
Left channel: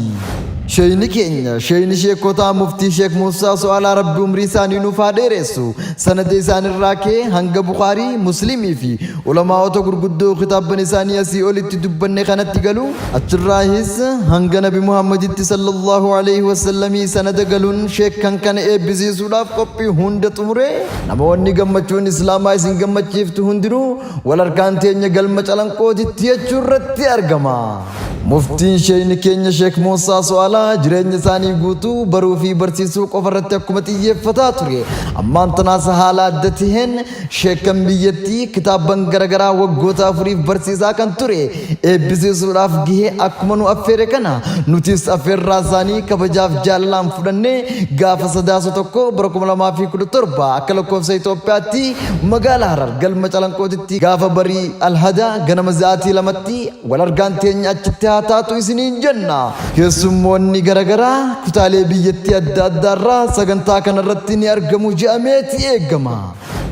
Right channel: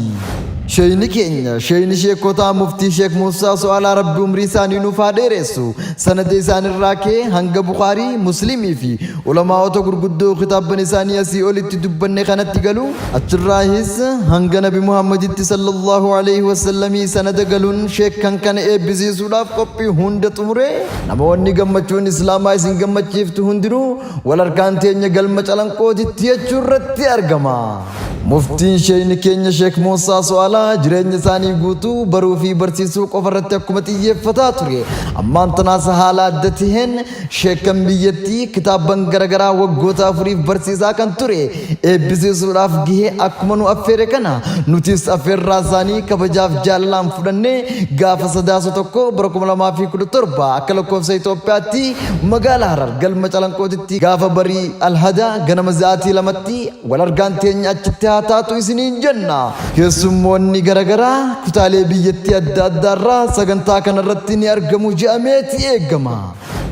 شيني كينيا شيني شيخوتا مفتي شيخ موسى سؤال ربي عمري ساني نفاديرسو سند سان الراكي هنگ بخاري مسلمي في علماء تو غرغدو خطاب بن ساني اسي اولت دبن خنت گلو اتراهيس هنگ نبي محمد صلى الله عليه وسلم سند گلون شيخ كان ابزي سولاف كوبي هند تمره نموني گمچون اسلام اي سين گمچيفت هندرو ولركان تيني گلم چلن کو دتي چرتي ارگما مفتي شيني كينيا شيخ موسى سؤالا جرين ثاني غوتو برو في برسيسو قفرت حكومتي فتاتري اما انتناس حالات دتهن شيكم بيتي كتابن غرغرا وغوتا فري برسيسا كنتري ابيسو راف گه اكمنو افير كنا نوتيس افير رازاني كبجاف جالام فدني غاف سداسو تكو بركم لما في كد تربا اكلكو سيتوبياتي مغالا هرر گل مچلنكو دتي غاف بري الهدا غنمزاتي لمتي ولرغانتين اچتاتاتو اسنين جنة يسموني غرغرا كتالي بيتي الدادارا سغنتا كان رتني ارغمو جاميتي ايغما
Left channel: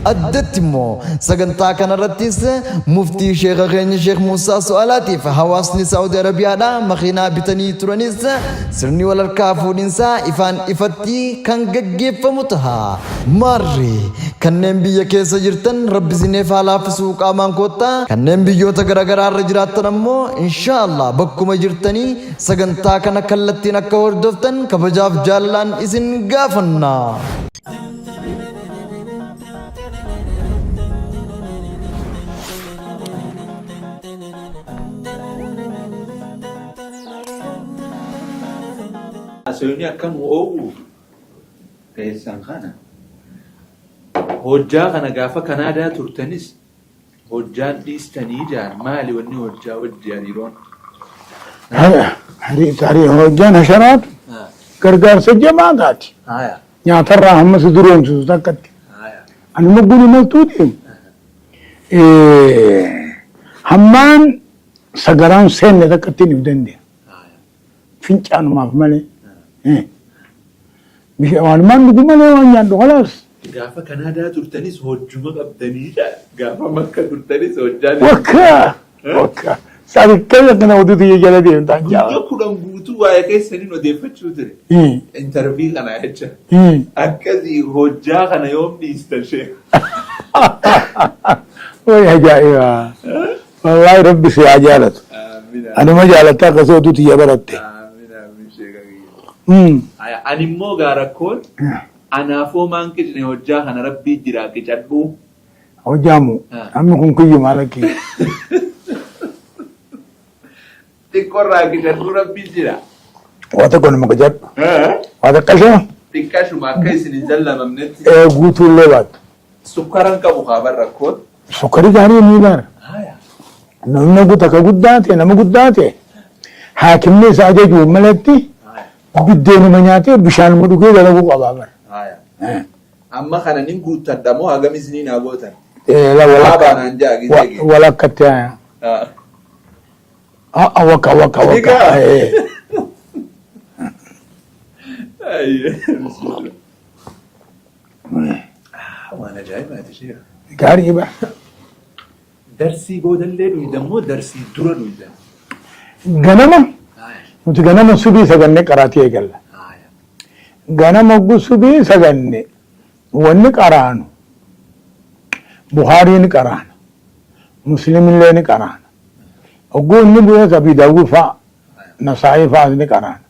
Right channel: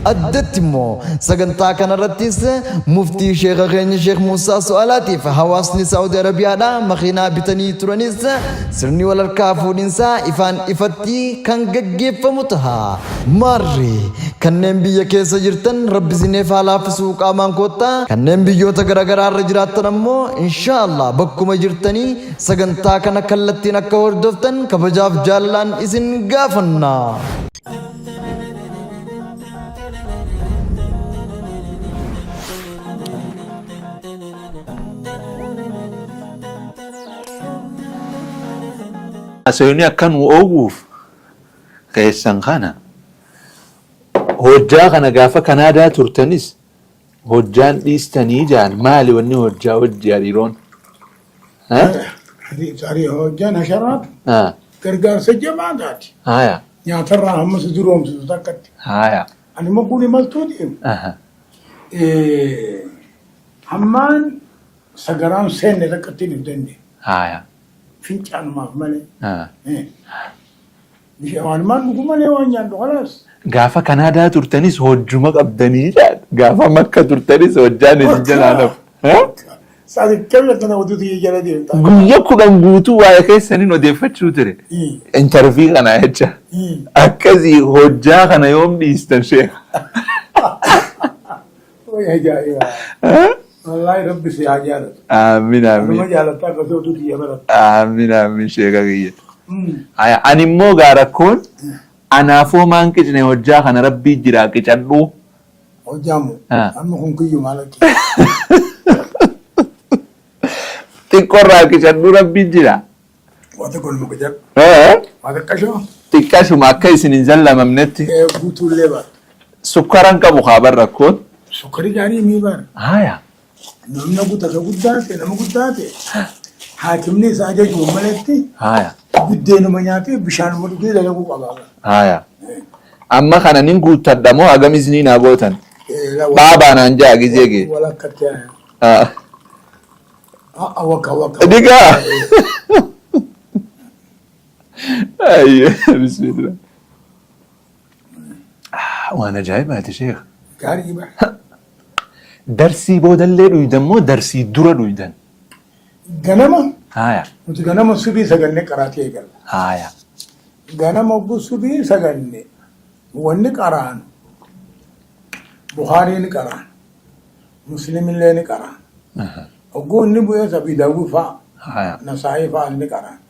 أدتمو سجنتا كان رتيس مفتي شيخ غني شيخ موسى سؤالاتي فحواسني سعودي عربيا دا مخينا بتني ترانيس سرني ولا الكافو ننسى إفان إفتي كان جيف متها ماري كان نبي كيس جرتن رب زينف على فسوق أمان كوتا كان نبي يوتا غرغرا رجرات نمو إن شاء الله بكم جرتني سجنتا كان كلت kanattiin akka hordoftan kabajaaf jaalallaan isin gaafanna. Asayuni akkan oguuf keessan kana hojjaa kana gaafa Kanaadaa turtanis hojjaan dhiistanii jaan maali wanni hojjaa hojjaa dhiiroon? Tarii hojjaan hasharaatu gargaarsa jamaataati. Nyaatarraa hamma si duroomsisu takkatti. Ani mugguni maltuutiin hammaan sagaraan seenne takkatti ni dandeenya. Fincaanumaaf malee. Walumaan dhugu malee waan nyaadhu khalaas. Gaafa Kanaadaa turtanis hojjuma qabdanii gaafa Makka turtanis hojjaan Wakka. Sanikkeenya kana oduutu jala deemta. Guyya 10 guutuu waa'ee keessaniin odeeffachuu ture. Intervii kana jecha. Akkasii hojjaa kana yoom dhiistan sheekh? Way ajaa'iba. Wallahi rabbi si ajaalatu. Amiin. Anuma jaalataa akkasii oduutu jabaratti. Amiin sheekha kiyya. Ani immoo gaarakkoon anaafoo maan qicne hojjaa kana rabbii jira qicadhu. Hojjaamu. Amma kun kiyyu maalakki. Xiqqoorraa qicadhu rabbii jira. Wata kun nama qicadhu. Wata qashama. Xiqqashuma akka isin hin jallamamnetti. Guutuullee baatu. Sukkaran qabu haa rakkoon. Sukkari gaarii ni baara. Namni guutaa ka guddaa ta'e nama guddaa ta'e haakimni isaa ajajuun malatti biddeenuma nyaatee bishaanuma dhugee dalaguu qabaa. Amma kana nin guuttadha moo hagamis ni naa gootan? Baabaan jaa gizee gee. Walakkatti waka. Digaa. Bismillah. Waan ajaa'ibaati sheekh. Gaarii ba. Darsii boodallee dhuydan moo darsii dura dhuydan? Ganama. Nuti ganama subii saganne qaraatii eegalla. Ganama subii saganne wanni qaraanu Buhaariin qaraana Muslimillee ni qaraana. Ogguu inni bu'ee Abii Daawud fa'a Nasaa'ii fa'a ni qaraana.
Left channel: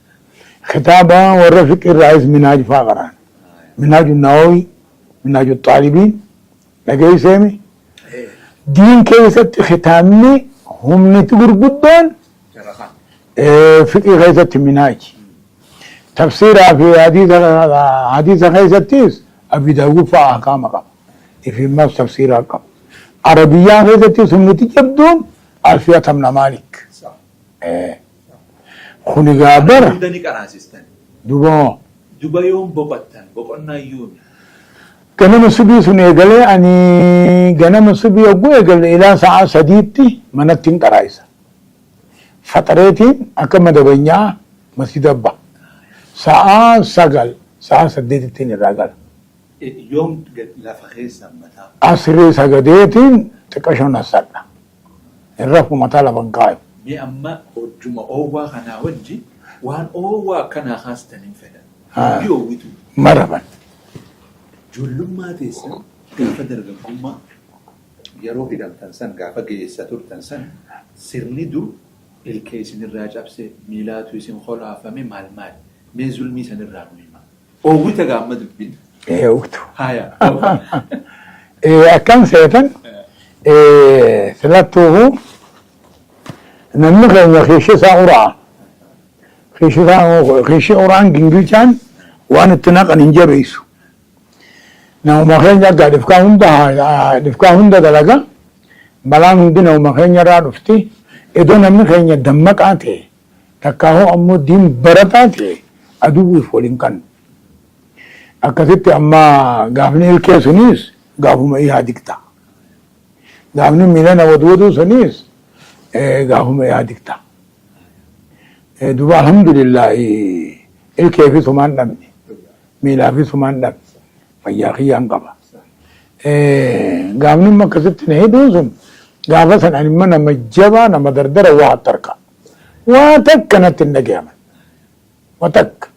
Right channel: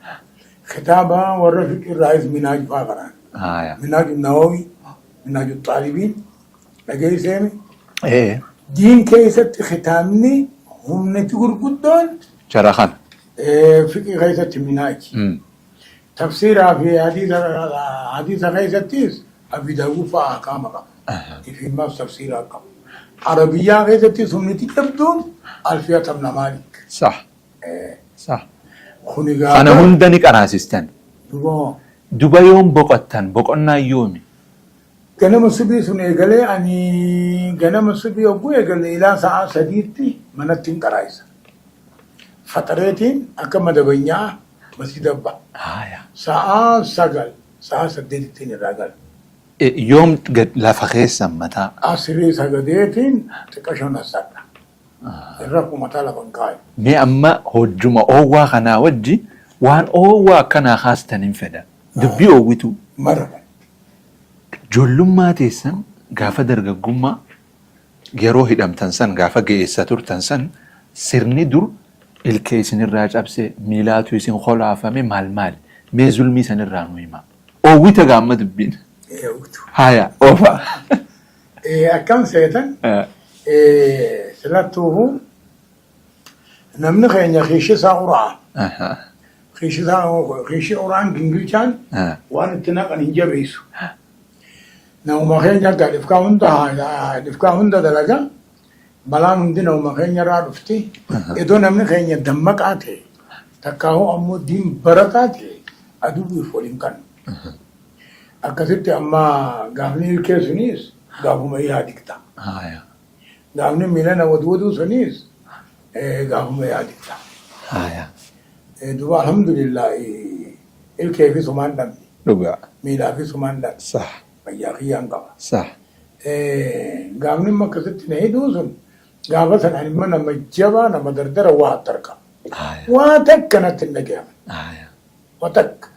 Kitaaba warra fiqirraayis Minaaj fa'a qaraana. Minaaju Nawawi, Minaaju Xaalibiin dhageesseemi. Diin keessatti kitaabni humniti gurguddoon Sharaxan. Fiqii keessatti Minaaj. Tafsiiraa fi hadiisa keessattis Abii Daawud fa'a ahkaama qaba. Ifimmaas tafsiiraa qaba. Arabiyaa keessattis humniti jabduun Alfiyata ibn Maalik. Sah. Kuni Ana gaafara. hunda ni qaraasistan. Duba yoom boqottan boqonnaa yoomi? Ganama subii sun eegalee ani ganama subii yogguu eegale ilaa sa'a sadiitti manatti hin qaraayisa. Faxareetiin akka madabanyaa masjida abba. Sa'a 9 sa'a 8 irraa gala. Yoom lafa keessan mataa? Asirii sagadeetiin xiqqashoon asadha. Irra kumataa lafa hin kaayu. Mee amma hojjuma oowwaa kanaa wajji waan oowwaa akkanaa haastan hin fedha. Dubbii oowwitu. Maraban. Ijoollummaa teessan gaafa dargaggummaa yeroo hidhamtan san gaafa geessa turtan san sirni dur ilkee isinirraa cabse miilaatu isin holaafame maal mee zulmii sanirraa nu hima. Oowwita gaamma dubbiin. Eewwitu. Haya. Akkam seetan filattuuhu namni keenya kiishi isaa uraa. Kiishi uraan gingilchaan waan itti naqan hin jabeessu. Namuma keenya gaa dhifkaa hunda dalaga balaan hundi namuma keenya irraa dhufti. Iddoo namni keenya dammaqaa ta'e takkaahoo ammoo diin barataa ta'e aduwwiif waliin kannu. Akkasitti amma gaafni ilkee sunis gaafuma yaadikta. Gaafni miilana waduu sunis gaafuma yaadikta. Duba alhamdulillah ilkee fi sumaan dhabne. Miilaa fi sumaan dhabne. Fayyaa kiyyaan qaba. Gaafni akkasitti na hidhuu sun gaafa san ani nama jabaa nama dardara waa tarka. Waa takka natti hin dhagahaman. Waa takka.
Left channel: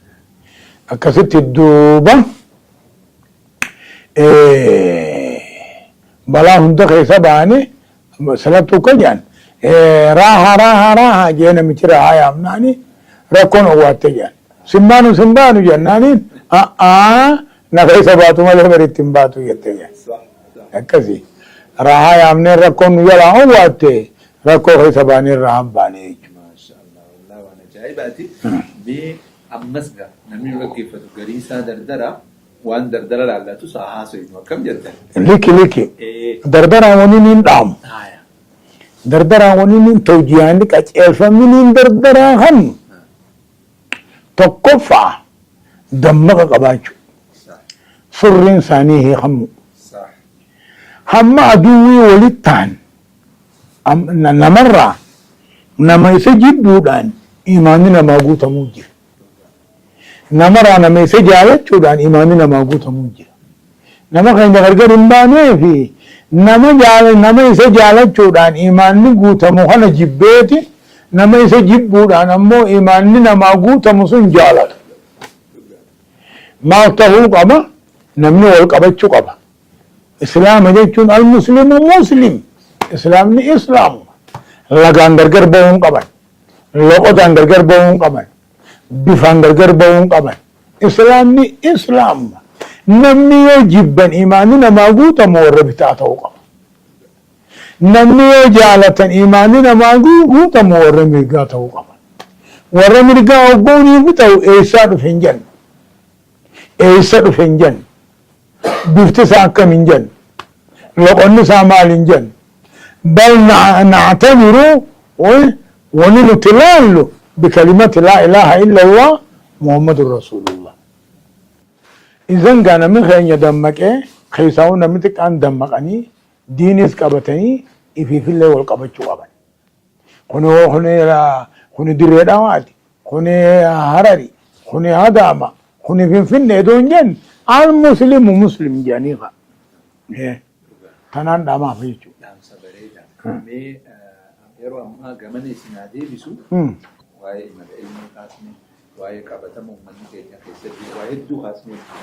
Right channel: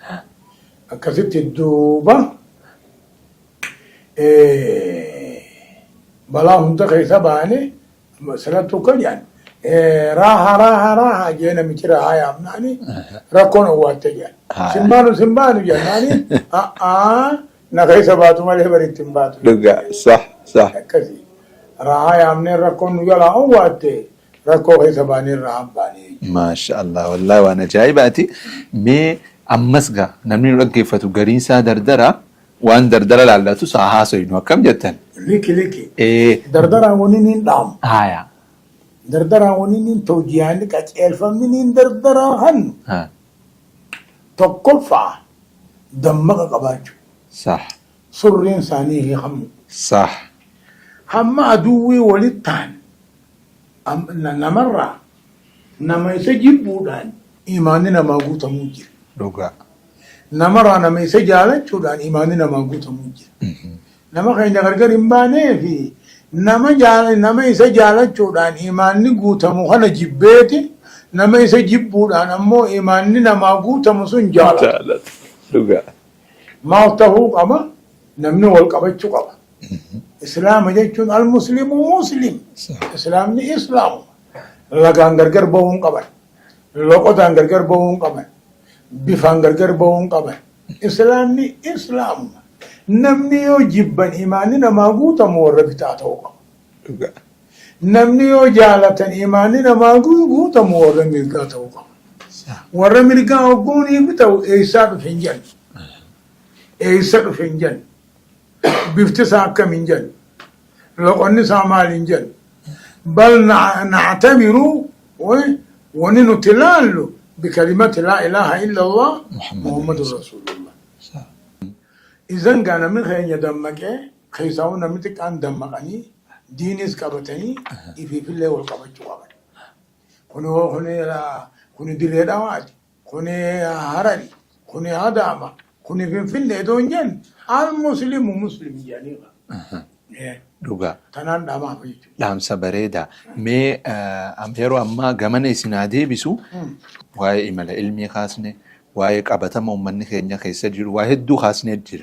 Akkasitti duuba balaa hunda keessa ba'anii salattuu kan jedhan راها جينا مجرى يا أمناني ركون واتجان سمبانو جناني نغي سباتو مالي مريتم باتو صح كذي راها يا أمني ركون يلا واتي ركو غي سباني راهم باني ما شاء الله والله وانا جايباتي مي أمسغا نمني رقيفتو قرينسا دردرا وان دردرا لالاتو ساحاسو ينو كم جتن ليكي دردرا ونين دام هايا دردرا ونين توجيان لك الفمين دردرا هم تقفع دمك قباجو صح سر إنسانيه هم صح هم عدوي ولتان نمرة نما يسجد بودان إيماننا ما قوت موجه دوغا نمرة نما يسجد بودان إيماننا ما قوت موجه نما خين غرقر إمباني في نما يسجد بودان إيماننا قوت موخنا جبيتي نما يسجد بودان أمو إيماننا ما قوت مسون جالت دوغا ما تهو قبا نمني والقبا چو قبا إسلام جيتون المسلم مسلم إسلام ني إسلام لغان غرغر بون قبل لغان غرغر بون قبل بفان غرغر بون قبل إسلام ني إسلام نمني يجبن إيماننا ما قوت مور بتاعته قبل نمني جالة إيماننا ما قوت مور ملقاته قبل ور ملقاه بوني متو إيساد فنجن إيساد فنجن بفتساك من جن لقن سامال جن بل نعتبر وننتلال بكلمة لا إله إلا الله محمد رسول الله إذن كان من خين يدمك خيساون نمتك أن دمقني دينيس قبتني في الله والقبتش قبل خوني دريد أواد خوني هرري خوني هداما خوني فين دون جن المسلم مسلم جانيغا دوغا تنان داما فيچو دام سبريدا مي اميرو اما غمن اسنادي بيسو واي امل علمي خاصني واي قبتم من خينيا خيسجل واحد دو خاصني جي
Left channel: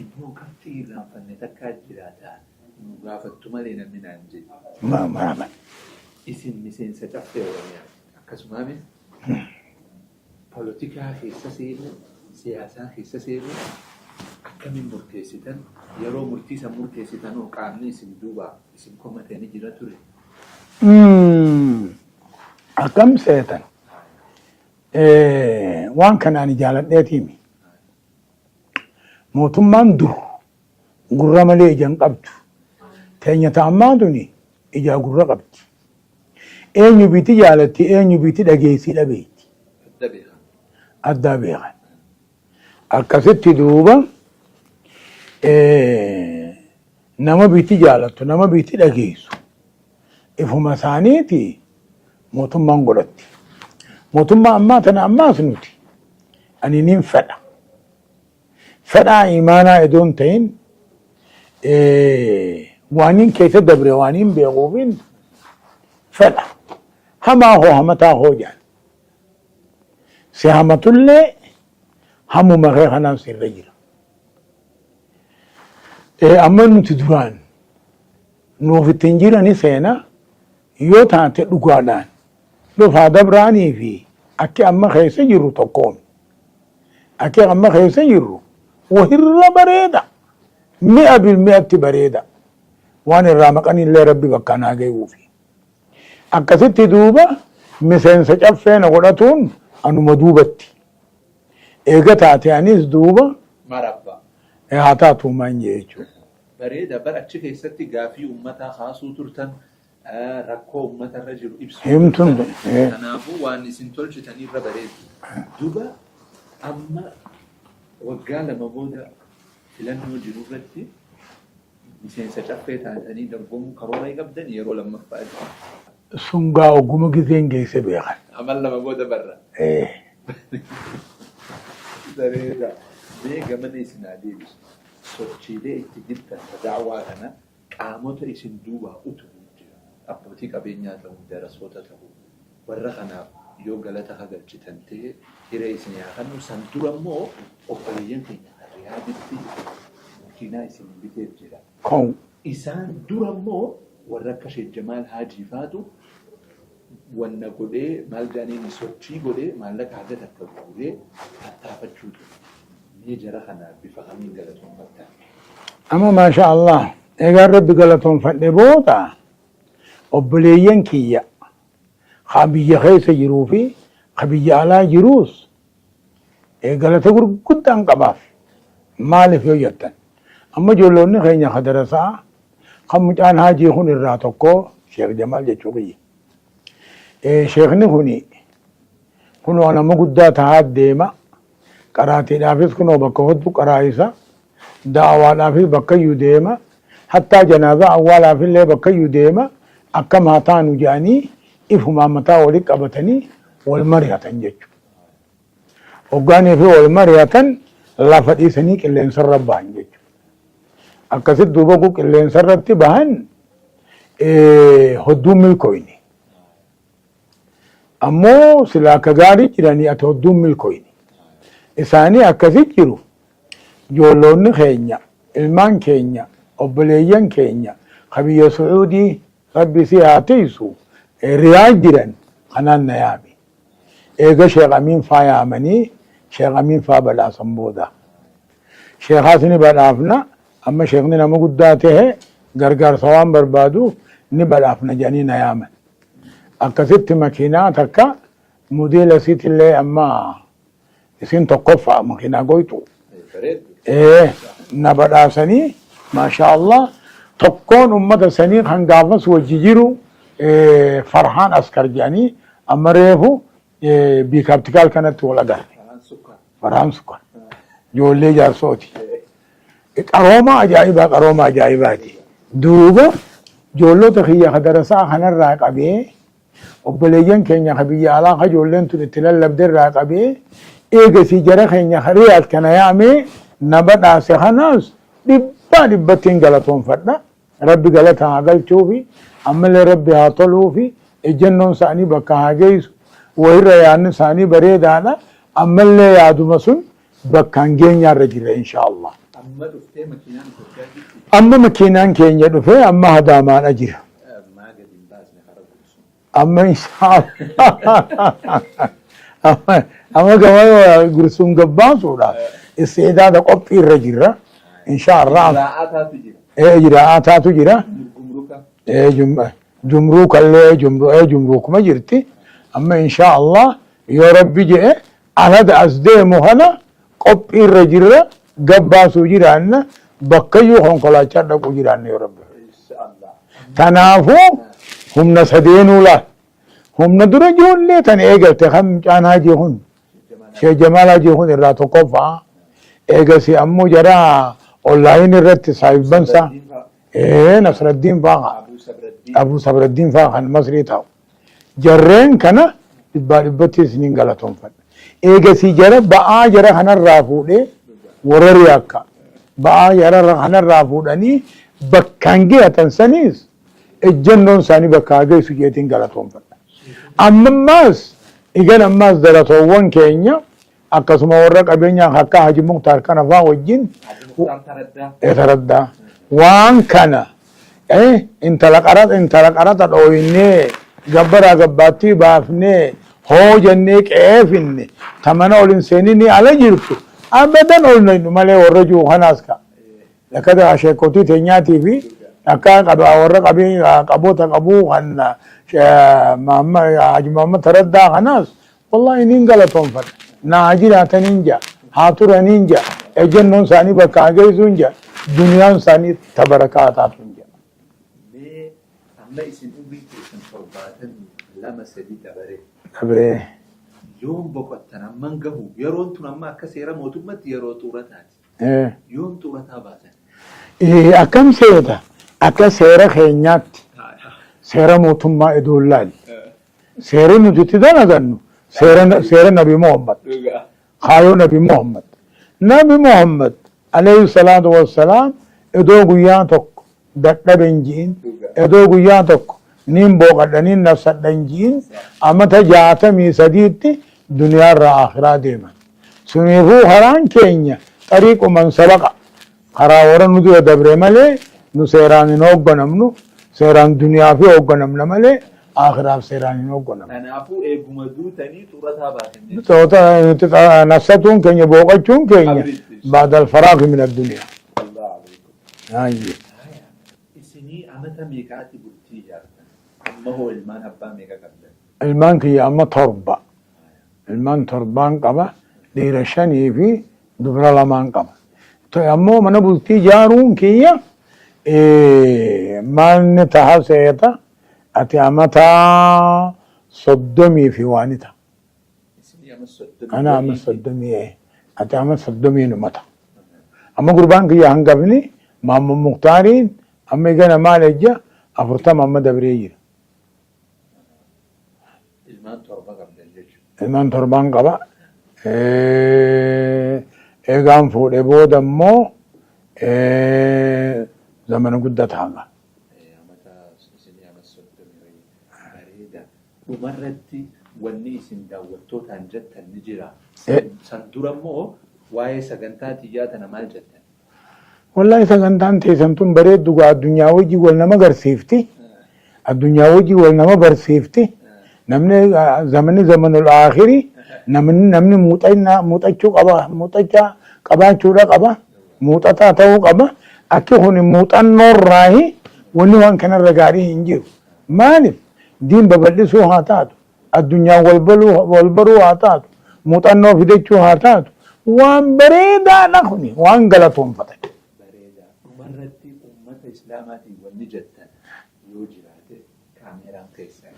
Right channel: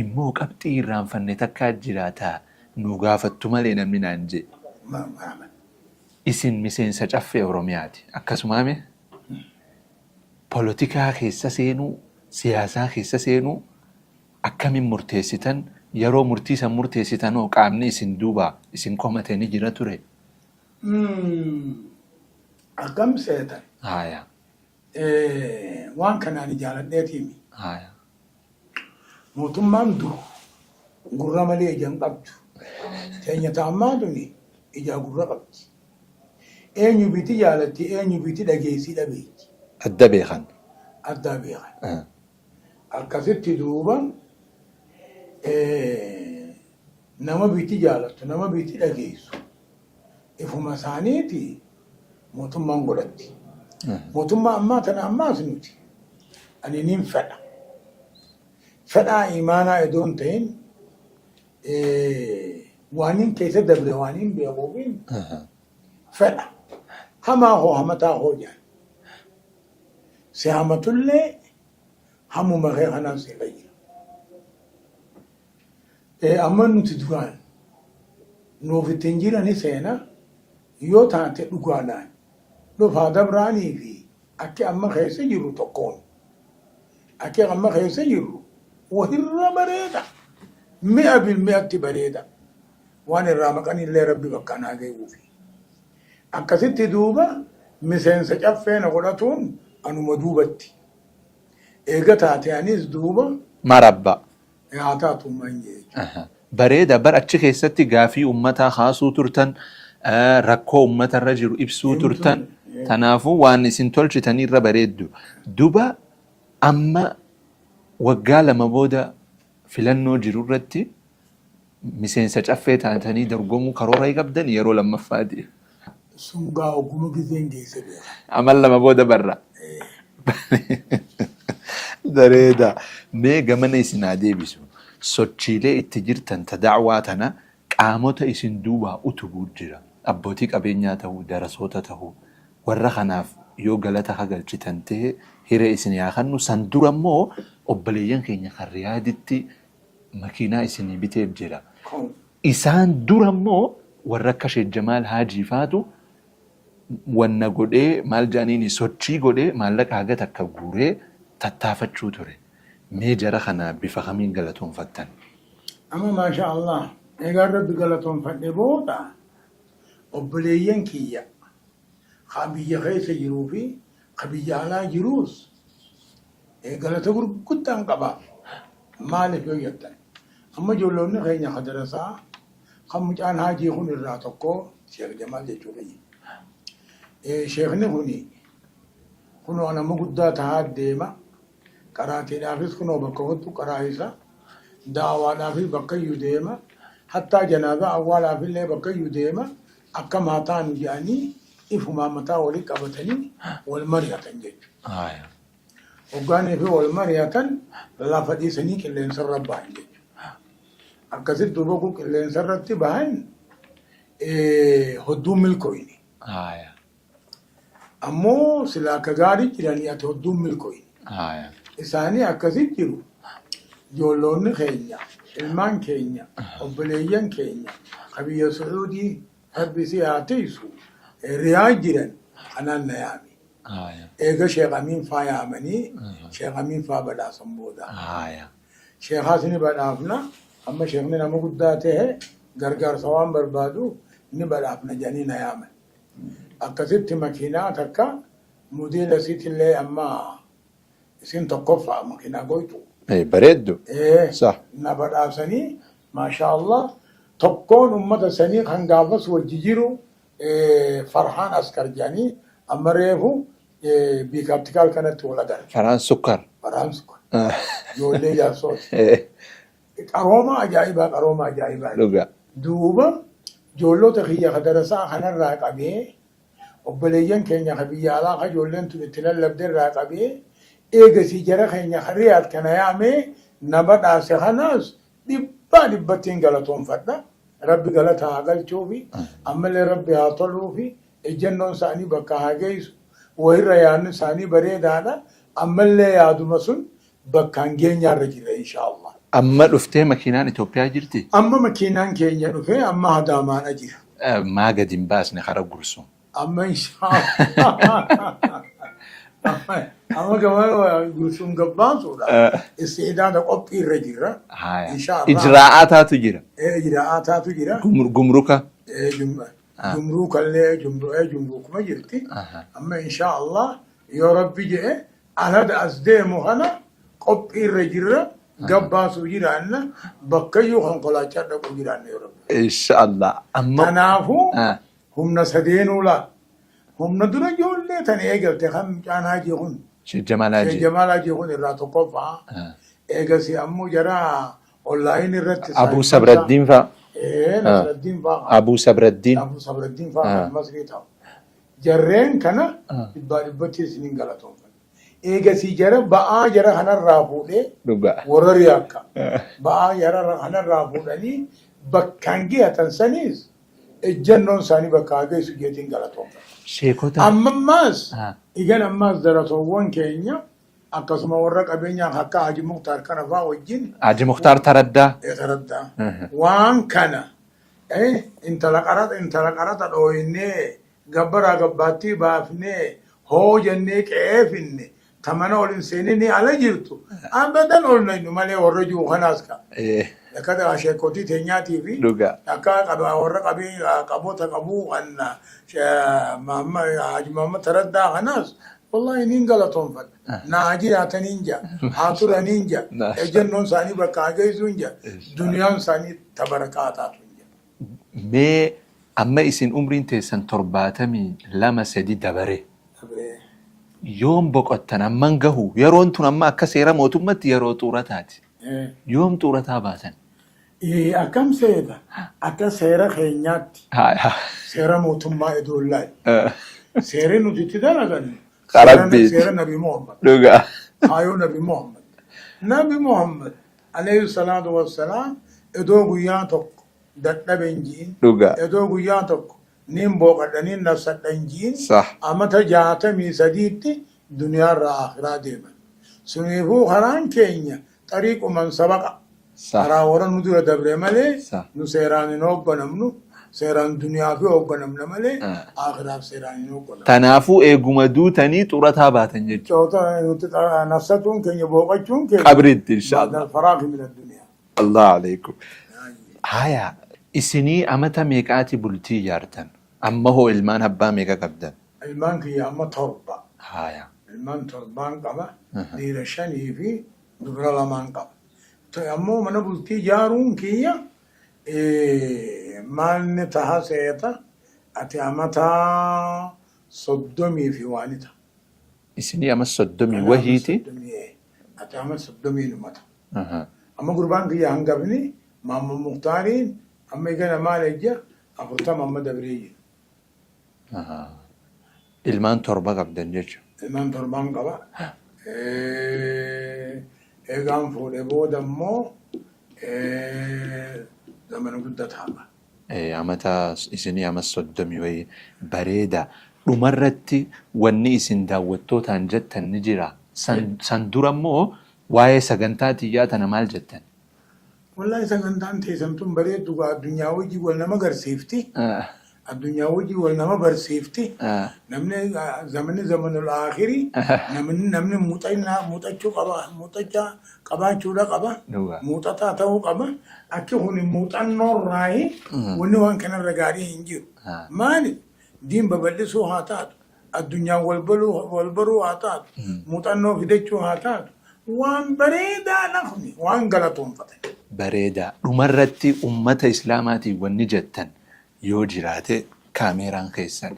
امو قبطي ران فن تكا جراتا نوغافتو مالين من انجي ما اسن مسين سچف اورومياتي اكسمامي بوليتيكا خيسا سينو سياسا خيسا سينو akkamiin murteessitan yeroo murtiisan murteessitan oo qaamni isin duuba isin komatanii jira ture akkam seetan haya waan kanaan jaaladheetiimi haya mootummaan dur gurra malee ijaan qabdu teenya ta'ammaatuni ijaa gurra qabdi eenyu biti jaalatti eenyu biti dhageessii dhabeetti adda beekan akkasitti duuba nama biti jaalattu nama biti dhageessu ifuma isaaniiti mootummaan godhatti mootummaa ammaa tana ammaas nuti ani nin fedhaa imaanaa idoon ta'in waaniin keessa dabre waaniin beekuufin fedha hamaa hoo hamataa hoo jaan si hamatullee hamuma kee kanaan sirra jira amma nuti duraan nuuf ittiin jirani seena yoo taate dhugaadhaan dhufaa dabraanii fi akki amma keessa jirru tokkoon akki amma keessa jirru wahirra bareeda mi'a bil mi'atti bareeda waan irraa maqanillee rabbi bakka naa ga'uufi akkasitti duuba miseensa caffeena godhatuun anuma duubatti eega taate anis duuba marabba haa taatu maan jechuudha. Bareeda bar achi keessatti gaafii ummataa haasuu turtan rakkoo ummatarra jiru ibsuu turtan kanaafuu waan isin tolchitanirra bareeddu duba amma waggaa lama booda filannoo jiru irratti miseensa caffee taatanii dorgomuu karoora qabdan yeroo lammaffaati. Sungaa ogguma giseen geesse beekan. Amal lama booda barra. Bareeda. Mee gamana isin haa deebisu. Sochiilee itti jirtan ta da'waa tana qaamota isin duubaa utubuu jira. Abbootii qabeenyaa ta'uu, darasoota ta'uu warra kanaaf yoo galata hagalchitan ta'e hiree isin yaa kannu san dura immoo obboleeyyan keenya kan Riyaaditti makiinaa isinii biteef jira. Isaan dura immoo warra akka Sheek Jamaal Haajii faatu wanna godhee maal jaaniini sochii godhee maallaqa haga takka guuree tattaafachuu ture. Mee jara kana bifa kamiin galatoonfattan? Amma maasha Allah egaa rabbi galatoonfadhe booda obboleeyyan kiyya haa biyya keessa jiruu fi haa biyya alaa jiruus galata gurguddaan qabaaf. Maaliif yoo jettan amma ijoollonni keenya ka darasaa kan mucaan haajii kun irraa tokko Sheekh Jamaal jechuu kiyya. Sheekni kun waan amma guddaa tahaa deema. Qaraatiidhaafis kunoo bakka hoddu qaraa isa da'awaadhaafis bakka iyyuu deema. Hattaa janaazaa awwaalaafillee bakka iyyuu deema. Akka maataanu jedhanii ifumaan mataa walitti qabatanii wal mari'atan jechuudha. Hoggaanii fi wal mari'atan lafa dhiisanii qilleensarra bahan jechuudha. Akkasitti duuba kun qilleensarratti bahan hodduun milkooyni. Ammoo silaa akka gaarii jiranii ati hodduun milkooyni. Isaanii akkasitti jiru. Ijoollonni keenya, ilmaan keenya, obboleeyyan keenya, biyya Sucuudii rabbi si haa tiisu riyaa jiran kanaan na yaami. Eega Sheekh Amiin faa yaamanii Sheekh Amiin faa badhaasan booda. Sheekhaas ni badhaafna amma sheekni nama guddaa ta'e gargaarsa waan barbaadu ni badhaafna jedhanii na yaaman. Akkasitti makiinaa takka modeela isiitillee amma isin tokkoffaa makiinaa goytu. Bareeddu. Na badhaasanii maasha Allah tokkoon ummata sanii kan gaafas wajji jiru Farhaan Askar jedhanii amma reefu biikaaptikaal kanatti wal agarra. Farhaan Sukkar. Farhaan Sukkar. Ijoollee jaarsooti. Qarooma ajaa'ibaa. Duuba ijoollota kiyya ka darasaa kanarraa qabee obboleeyyan keenya ka biyya alaa ka ijoolleen tun itti lallabderraa qabee eegasii jara keenya ka riyaad kana yaamee na badhaase kanaas dhibbattiin galatoonfadha. Rabbi galata haa galchuufi ammallee rabbi haa toluufi ejjennoon isaanii bakka haa geessu wayirra yaadni isaanii bareedaadha. Ammallee yaaduma sun bakkaan geenyaarra jira inshaAllah. Amma dhuftee makiinaan Itoophiyaa jirti? Amma makiinaan keenya dhufee amma Adaamaadha jira. Maa gadi hin baasne hara gursu. Amma inshaAllah. Amma gama gursuun gabbaasuudha. Isteedaada qophii irra jirra. InshaAllah. Ijraa'aataatu jira. Ijraa'aataatu jira. Gumruka. Jumruukallee jumruukuma jirti. Amma inshaAllah yoo rabbi jedhe alada as deemu kana qophii irra jirra. Gabbaasuu jiraanna bakkayyuu konkolaachaa dhaquu jiraanna yoo rabbi. Inshallah. Kanaafuu humna sadeenuu laa. Humna dura ijoollee tan eegalte kan mucaan haajii kun. Sheekh Jamaal haajii kun irraa tokkoffaa. Eegasi ammoo jara onlaayin irratti Abu Sabraddiin faa. Nasraddiin faa. Abu Sabraddiin faa kan Masrii ta'u. Jarreen kana dhibbatti isiniin galatoonfadha. Eegasi jara ba'aa jara kanarraa fuudhee warra riyaakka. Ba'aa jara kanarraa fuudhanii bakkaan geeyatan saniis ejjennoon isaanii bakka geessu jeetiin galatoonfadha. Ammas igan ammas daratoowwan keenya akkasuma warra qabeenyaa akka Haji Muktaar kana faa wajjin. Haji Muktaar Taraddaa. Taraddaa. Waan kana intala qarata dhooyinnee gabbaraa gabbaattii baafnee hoo jennee qeefinne tamana olin seeninni ala jirtu abadan olnaynu malee warra jiru kanaas ka. Akkata sheekotii teenyaatii fi akka warra qaboota qabuu kan Haji Muhammad Taraddaa kanaas wallahi niin galatoonfadha. Naa jiraataniin jaa haa turaniin jaa ejjennoon isaanii bakka geessuun jaa duniyaan isaanii tabarakaa taatuun jaa. Mee amma isin umriin teessan 72 dabare. Yoom boqottan amman gahu yeroon tun amma akka seera mootummatti yeroo xuurataati. Yoom xuurataa baatan? Akkam seeta akka seera keenyaatti seera mootummaa idoolaali. Seerri nuti itti dalagannu seera Nabi Muhammad. Kaayoo Nabi Muhammad. Nabi Muhammad alayhi salaatu wassalaam idoo guyyaa tokko dadhaben jiin idoo guyyaa tokko nin booqadhaniin nafsadhan jiin amata 63tti duniyaarraa akhiraa deeman. Suniifuu karaan keenya xariiquman sabaqa. Karaa warra nu dura dabre malee nu seeraan hin hoogganamnu سيران دنيا في أوقنا من ملء آخر سيران أوقنا تنافو إيجوما دو تاني طورتها باتنجل توتا نصتون كن يبوقتون كن أبرد بعد الفراغ من الدنيا الله عليكم هاي هايا إسني أمتا ميكاتي بلتي يارتن أما هو إلمان هبا ميكا قبدا المان كي أما تربة هايا المان تربان قبا ديرشاني في دبر لمان قبا تو أمو من بلتي جارون كيا من تحسيتا أتي أمتا صدمي في وانتا إسني أما الصدمي أنا وهيتي صدمي أتي أما صدمي نمتا أما قربان كي هنقبني مام مختارين أما يجينا مال إجا أفرتم أما دبريجي إلمان تربا قبدا جيش المان تربان قبا إيغان فود إبودا مو زمن قدت حالا أمتا إسني أما الصدمي وهي بريدة dhumarratti wanni isin daawwattootaan jettan ni jira. San dura immoo waa'ee sagantaa xiyyaa tana maal jettan? والله سكنتان تيسنتون بريد دوغا الدنيا وجي والنما غرسيفتي الدنيا وجي والنما برسيفتي نمني زمن الآخري نمني موتاچو قبا موتاچا قبا چودا قبا موتاتا تاو قبا أكي هوني موتان نور راهي وني وان كان رغاري انجيو مالي دين ببلسو هاتات الدنيا والبرو هاتات موتان نور فيديچو هاتات وان بريدا نخني وان غلطون فتن bareeda dhumarratti ummata islaamaatii wanni jettan yoo jiraate kaameeraan keessan.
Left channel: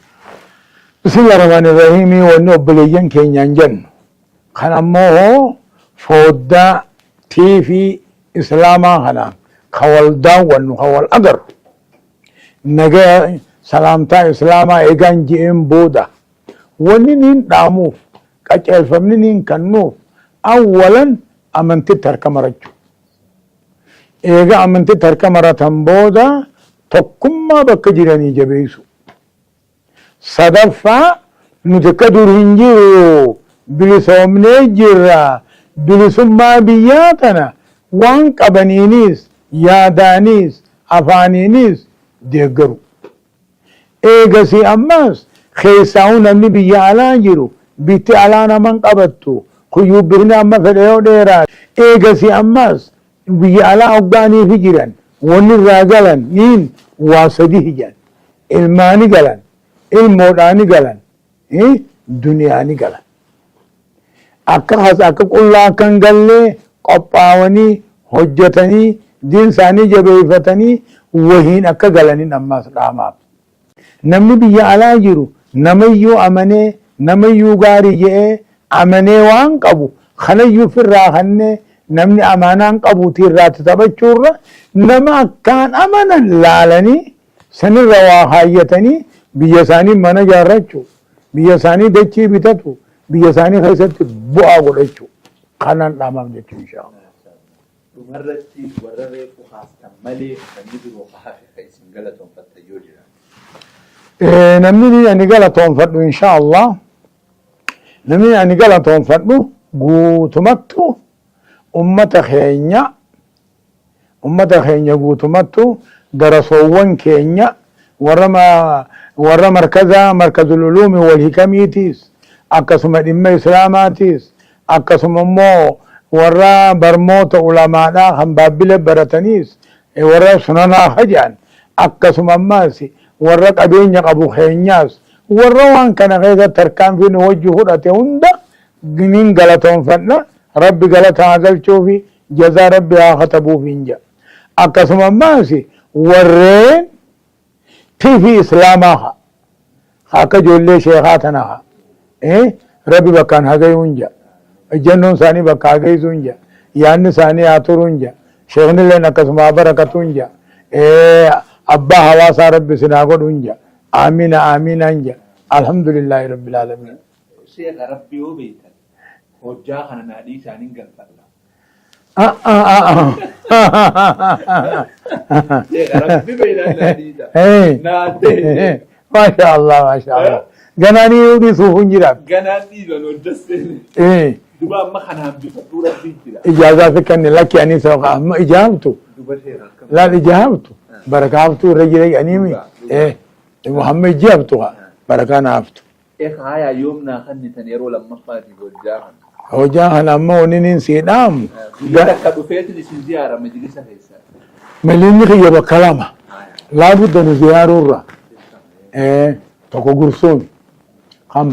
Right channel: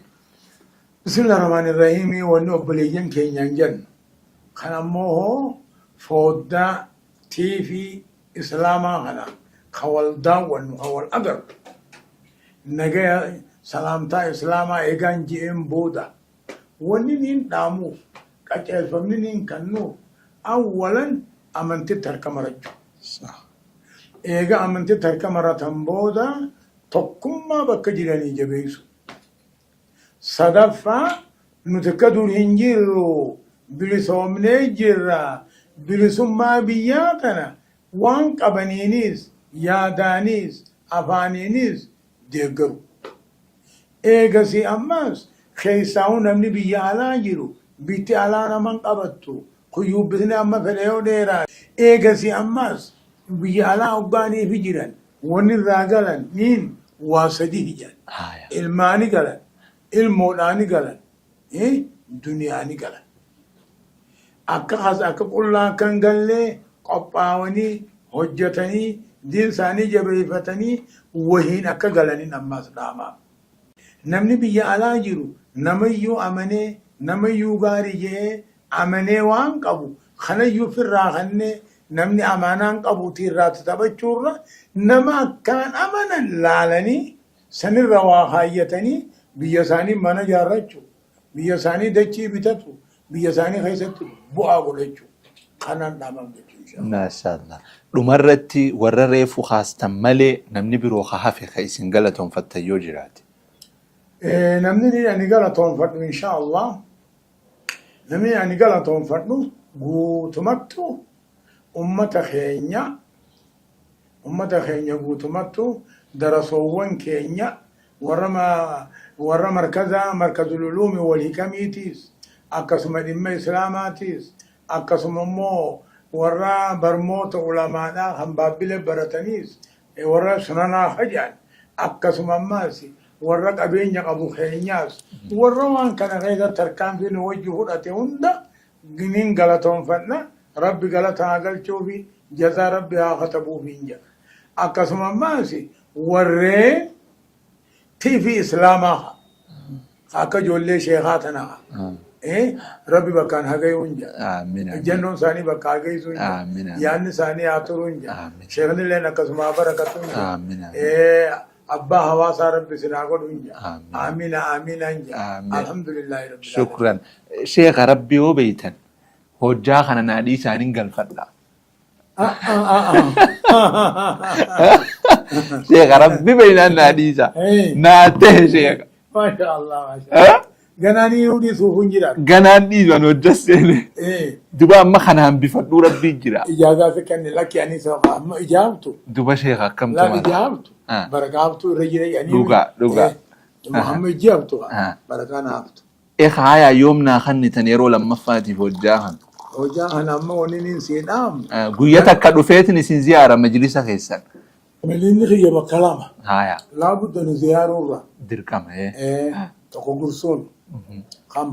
Bismillaahi rahmaani rahiimii wanni obboleeyyan keenyaan jennu kan ammoo fooddaa tiivii islaamaa kanaan ka wal daawwannu ka wal agarru nagaa salaamtaa islaamaa eegaan ji'een booda wanni niin dhaamuuf qaceelfamni niin kennuuf awwalan amantitti harka marachuu. eega amantitti harka maratan booda tokkummaa bakka jiranii jabeessu. Sadaffaa nuti akka dur hin jiru bilisoomnee jirra bilisummaa biyyaa tana waan qabaniinis yaadaanis afaaniinis deeggaru. Eegasii ammas keessaa'uu namni biyya alaa jiru bitti alaa naman qabattu kuyyuu birni amma fedhe yoo dheeraa eegasii ammas biyya alaa hoggaanii fi jiran wanni irraa galan niin waa sadi hijan ilmaani galan ilmoodhaani galan duniyaani galan akka qullaa akkan gallee qophaawanii hojjetanii diin isaanii jabeeffatanii wahiin akka galanin ammaas dhaamaaf namni biyya alaa jiru namayyuu amanee namayyuu gaarii je'ee amanee waan qabu kanayyuu firraa kannee namni amaanaan qabuutii irraatti taphachuurra nama akkaan amanan laalanii sanirra waa haayyatanii biyya isaanii mana jaarrachuu biyya isaanii dachii bitatu biyya isaanii keessatti bu'aa godhachuu kanaan dhaamaaf jechuu inshaAllah. Maashaallah. Dhumarratti warra reefu haastan malee namni biroo hafe ka isin galatoonfattan yoo jiraate. Namni ani galatoonfadhu inshaAllah. Namni ani galatoonfadhu guutumattu ummata keenya guutumattu darasoowwan keenya warra markazul uluumi wal hikamiitiis akkasuma dhimma islaamaatiis akkasuma immoo warra barmoota ulamaadhaa kan baabbile barataniis warra sunanaa hajaan akkasuma ammaas warra qabeenya qabu keenyaas warra waan kana keessatti tarkaanfiin wajji fudhate hunda giniin galatoonfadha. ربي قالت هذا الشوفي جزا ربي آخطبو فينجا أكسم ماسي ورين في إسلامها خاكا جولي شيخاتنا ربي بكان هاقي ونجا الجنون ثاني بكا هاقي سنجا يعني ثاني آتور ونجا شيخنا لنا كسما بركة ونجا أبا حواسا ربي سناقود ونجا آمين آمين ونجا الحمد لله رب العالمين. شكرا شيخ ربي وبيتن hojjaa kana naadhii isaaniin galfadha. Sheekha rabbi beeynaan naadhii isaa. Naattee sheekha. Maasha Allah maasha Allah. ganani yudi suhun jira ganaan dhiiban hojjaseene duba amma kana hambifadhuu rabbii jira ijaza fikanni laki ani sawa amma ijabtu duba sheekh akkam la ijabtu barakabtu rajulay ani muhammad ijabtu barakana aftu haya yoomnaa kannitan yeroo lammaffaatiif hojjaahan hojjaahan amma waninin siidhaam guyyaa takka dhufeetin isin ziyaara majlisa keessan malinni khiyya bakalama haya laabudda nu ziyaarurra dirqama tokko gursuun kan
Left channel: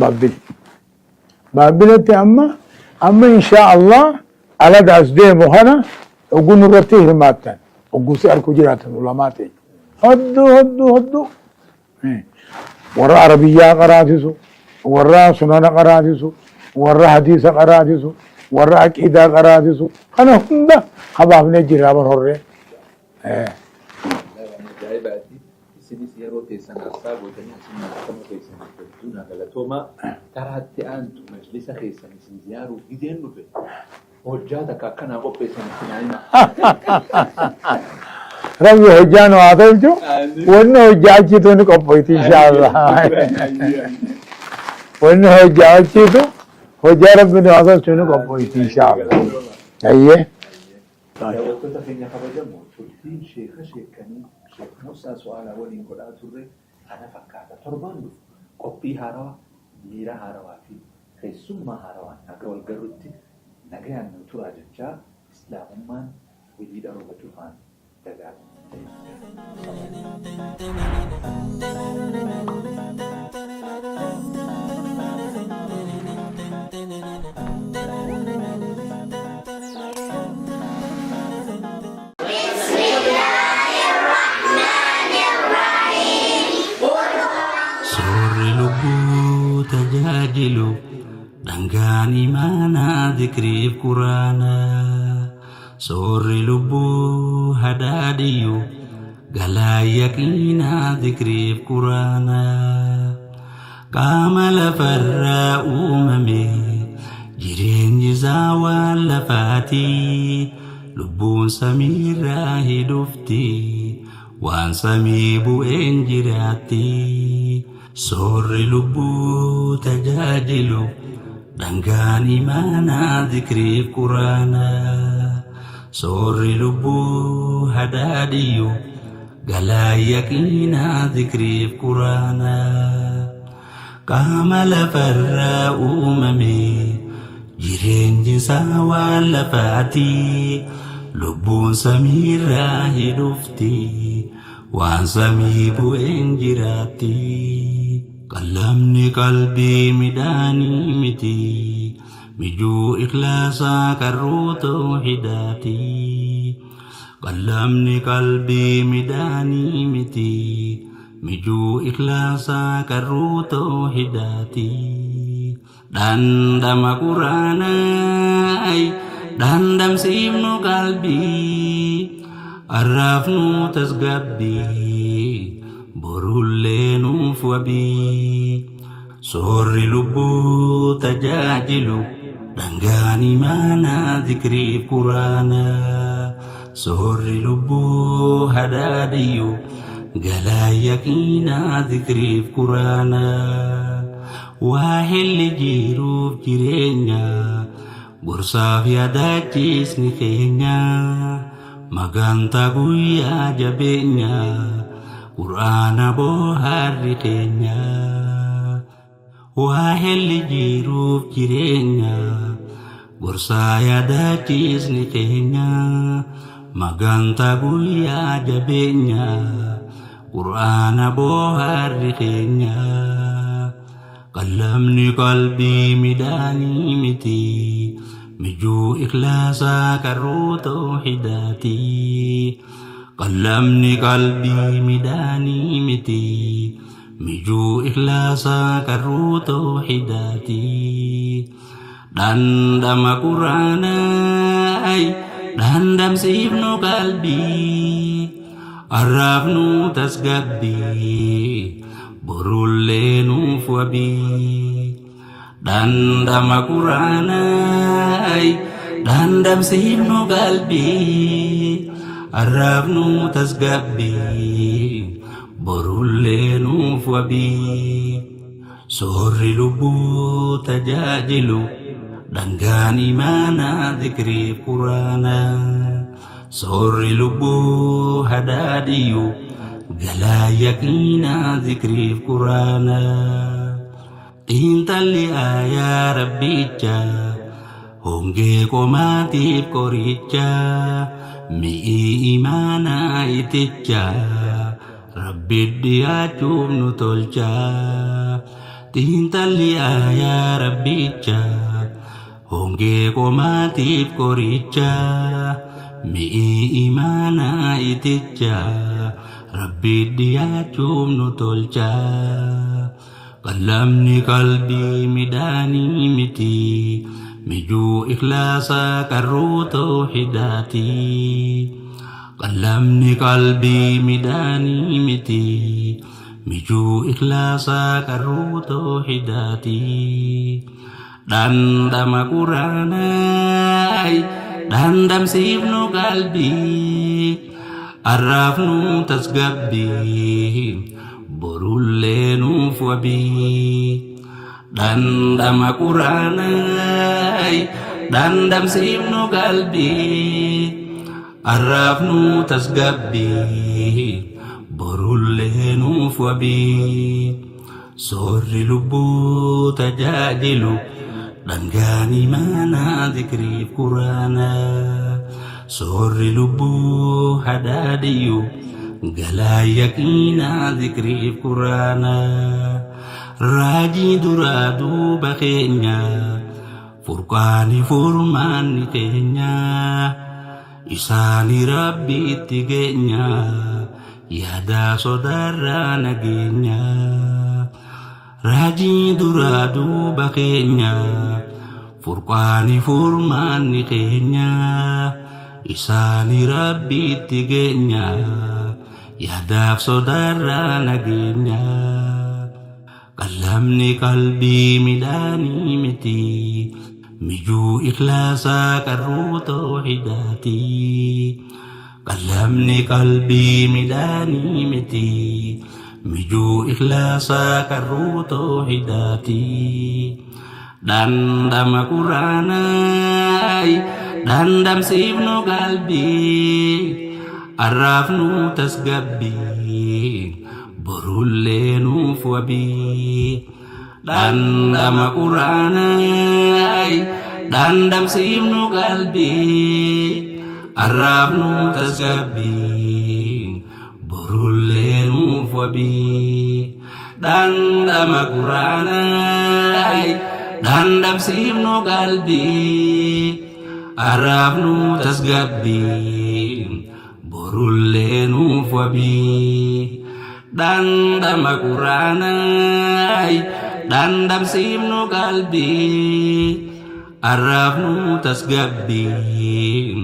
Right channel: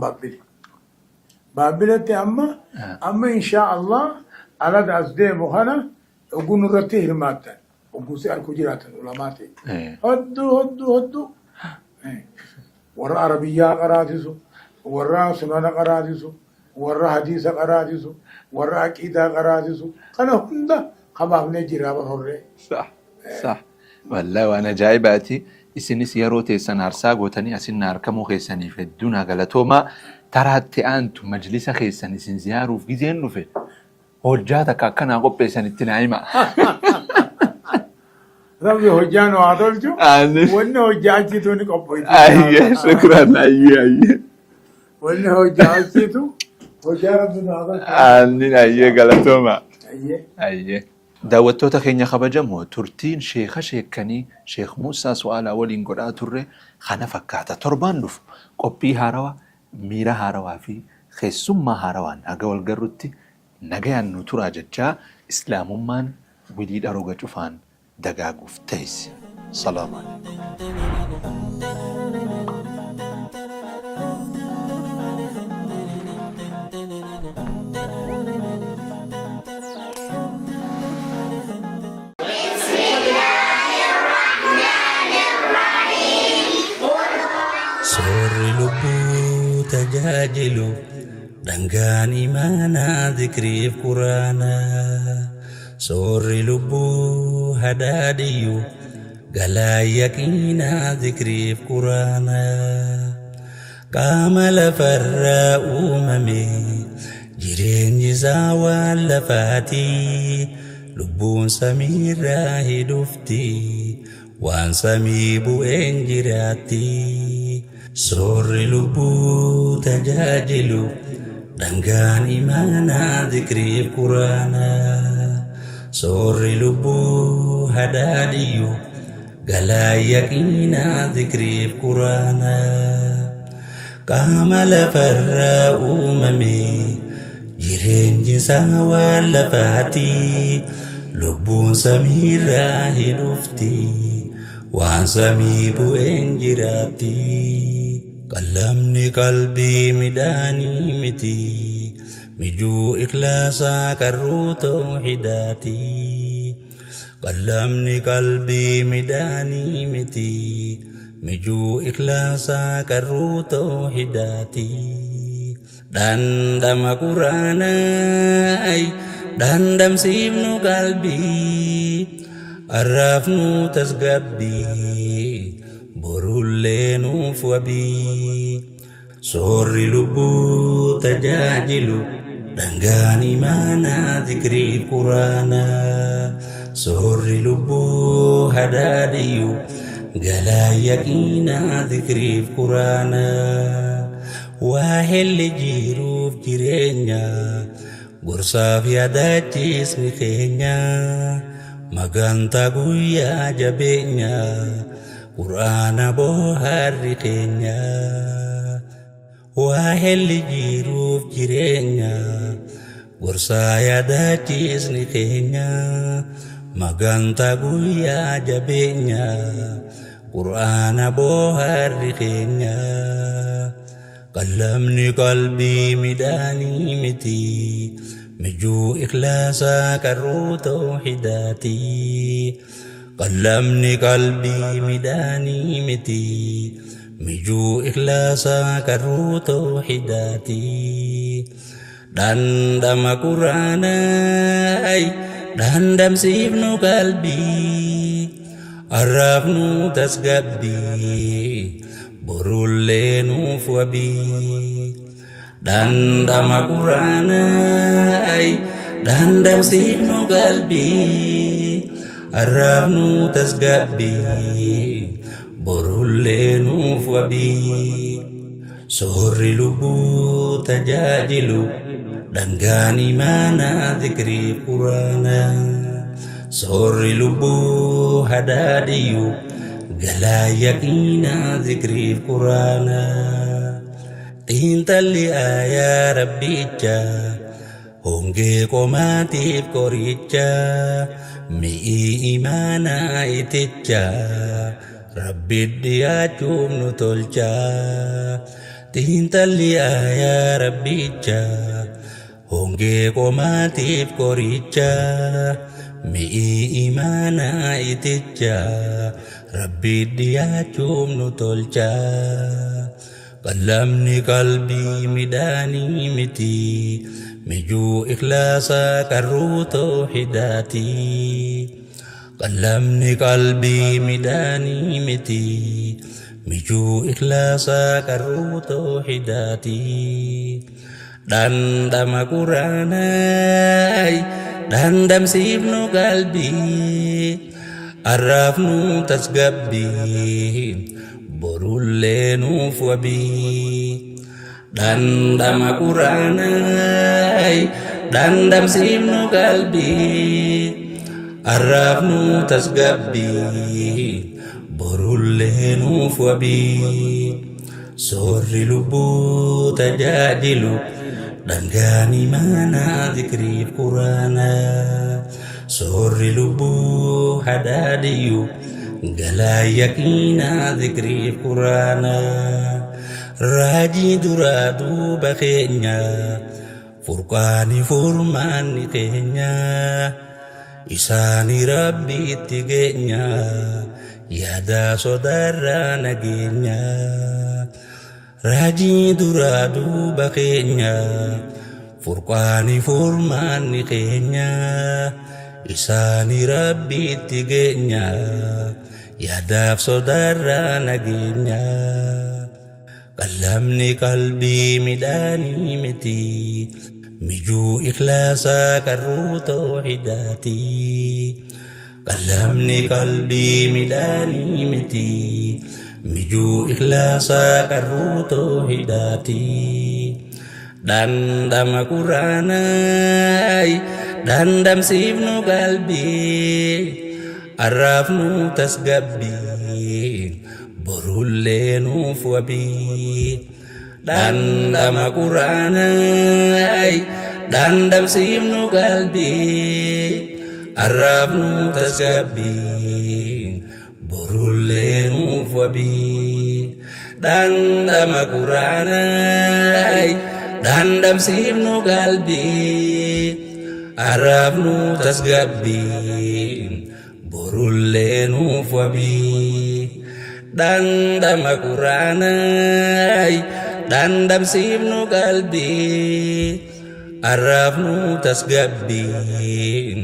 babbilatti amma insha Allah alada as deemu kana ogun irratti hirmaattan ogusi arku jiraatan ulamaati hoddu warra arabiyyaa qaraatisu warra sunana qaraatisu warra hadiisa qaraatisu warra aqiidaa qaraatisu kana hunda habaafne jira bar horre صح والله وانا جايباتي isinis yeroo teessan aarsaa gootanii asin harkamuu keessanii fedduun galatooma taraatti aantu majlisa keessan isin ziyaaruuf gizeen dhufe hojjaa takka akkanaa qopheessan itti naa'ima rabbi hojjaa nu haa tolchu wanni hojjaa achiitu ni qopheessu wanni hojjaa achiitu hojjaa rabbi nu haa tolchu galatooma ayyee daawwattoota keenya kabajamoo turtiin sheekha sheekanii sheekh Muusaa Su'aalaa waliin godhaa turre kana fakkaata torbaan dhufu qophii haarawaa miira haarawaa fi keessummaa haarawaan aga wal garrutti nagayaan nu turaa jechaa islaamummaan wilii dharoga cufaan dagaaguuf ta'es salaama tajajilu dhangaan imaanaa dhikriif quraanaa soorri lubbuu hadaadiyyu galaa yaqiinaa dhikriif quraanaa qaama lafarraa uumame jireenyi isaa waan lafaatii lubbuun samiirraa hidhufti waan samii bu'een jiraatti soorri lubbuu tajajilu dhangaan imaanaa dhikriif quraanaa soorri lubbuu hadaadiyyu galaa yaqiinaa dhikriif quraanaa qaama lafarraa uumame jireenyi isaa waan lafaatii lubbuun samiirraa hidhufti waan samii bu'een jiraatti qalamni qalbii midhaanii miti mijuu ikhlaasaa qarruu tawhidaati qalamni qalbii midhaanii miti mijuu ikhlaasaa qarruu tawhidaati dhandhama quraanaa dhandhamsiifnu qalbii arrafnu tasgabbii borullee nuuf wabii soorri lubbuu tajajilu dhangaan imaanaa dhikriif quraanaa soorri lubbuu hadaadiyyu galaa yaqiinaa dhikriif quraanaa waa helli jiruuf jireenya gorsaaf yaadachiisni keenya maganta guyyaa jabeenya quraana booharri keenya waa helli jiruuf jireenya gorsaa yaadachiisni keenya maganta guyyaa jabeenya quraana booharri keenya qalamni qalbii midhaanii miti mijuu ikhlaasaa qarruu tawhidaati qalamni qalbii midhaanii miti mijuu ikhlaasaa qarruu tawhidaati dhandhama quraanaa dhandhamsiifnu qalbii arrafnu tasgabbii borullee nuuf wabii dhandhama quraanaa dhandhamsiifnu qalbii arrafnu tasgabbii borullee nuuf wabii soorri lubbuu tajaajilu dhangaan imaanaa dhikriif quraanaa soorri lubbuu hadaadiyyu galaa yaqiinaa dhikriif quraanaa xiinxalli aayaa rabbicha hongee qomaatiif qoricha mi'ii imaanaa iticha rabbi dhiyaachuuf nu tolcha xiinxalli aayaa rabbicha hongee qomaatiif qoricha mi'ii imaanaa iticha rabbi dhiyaachuuf nu tolcha qalamni qalbii midhaanii miti mijuu ikhlaasaa qarruu tawhidaati qalamni qalbii midhaanii miti mijuu ikhlaasaa qarruu tawhidaati dhandhama quraanaa dhandhamsiifnu qalbii arraafnu tasgabbii borullee nuuf wabii dhandhama quraanaa dhandhamsiifnu qalbii arraafnu tasgabbii borullee nuuf wabii soorri lubbuu tajaajilu dhangaan imaanaa dhikriif quraanaa soorri lubbuu hadaadiyyu galaa yaqiinaa dhikriif quraanaa raajii duraa duuba keenya furqaani furmaanni keenya isaani rabbiitti geenya yaadaa sodaarraa nageenya raajii duraa duuba keenya furqaani furmaanni keenya isaani rabbiitti geenya yaadaaf sodaarraa nageenya qalamni qalbii midhaanii miti mijuu ikhlaasaa qarruu tawhidaati qalamni qalbii midhaanii miti mijuu ikhlaasaa qarruu tawhidaati dhandhama quraanaa dhandhamsiifnu qalbii arraafnu tasgabbii borullee nuuf wabii dhandhama quraanaa dhandhamsiifnu qalbii arraafnu tasgabbii borullee nuuf wabii dhandhama quraanaa dhandhamsiifnu qalbii arraafnu tasgabbii borullee nuuf wabii dhandhama quraanaa dhandhamsiifnu qalbii arraafnu tasgabbii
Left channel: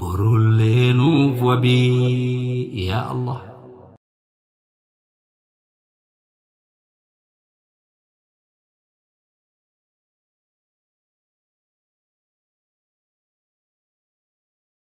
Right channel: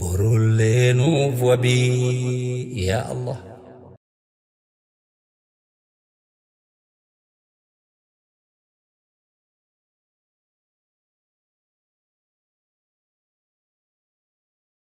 borullee nuuf wabii yaa Allah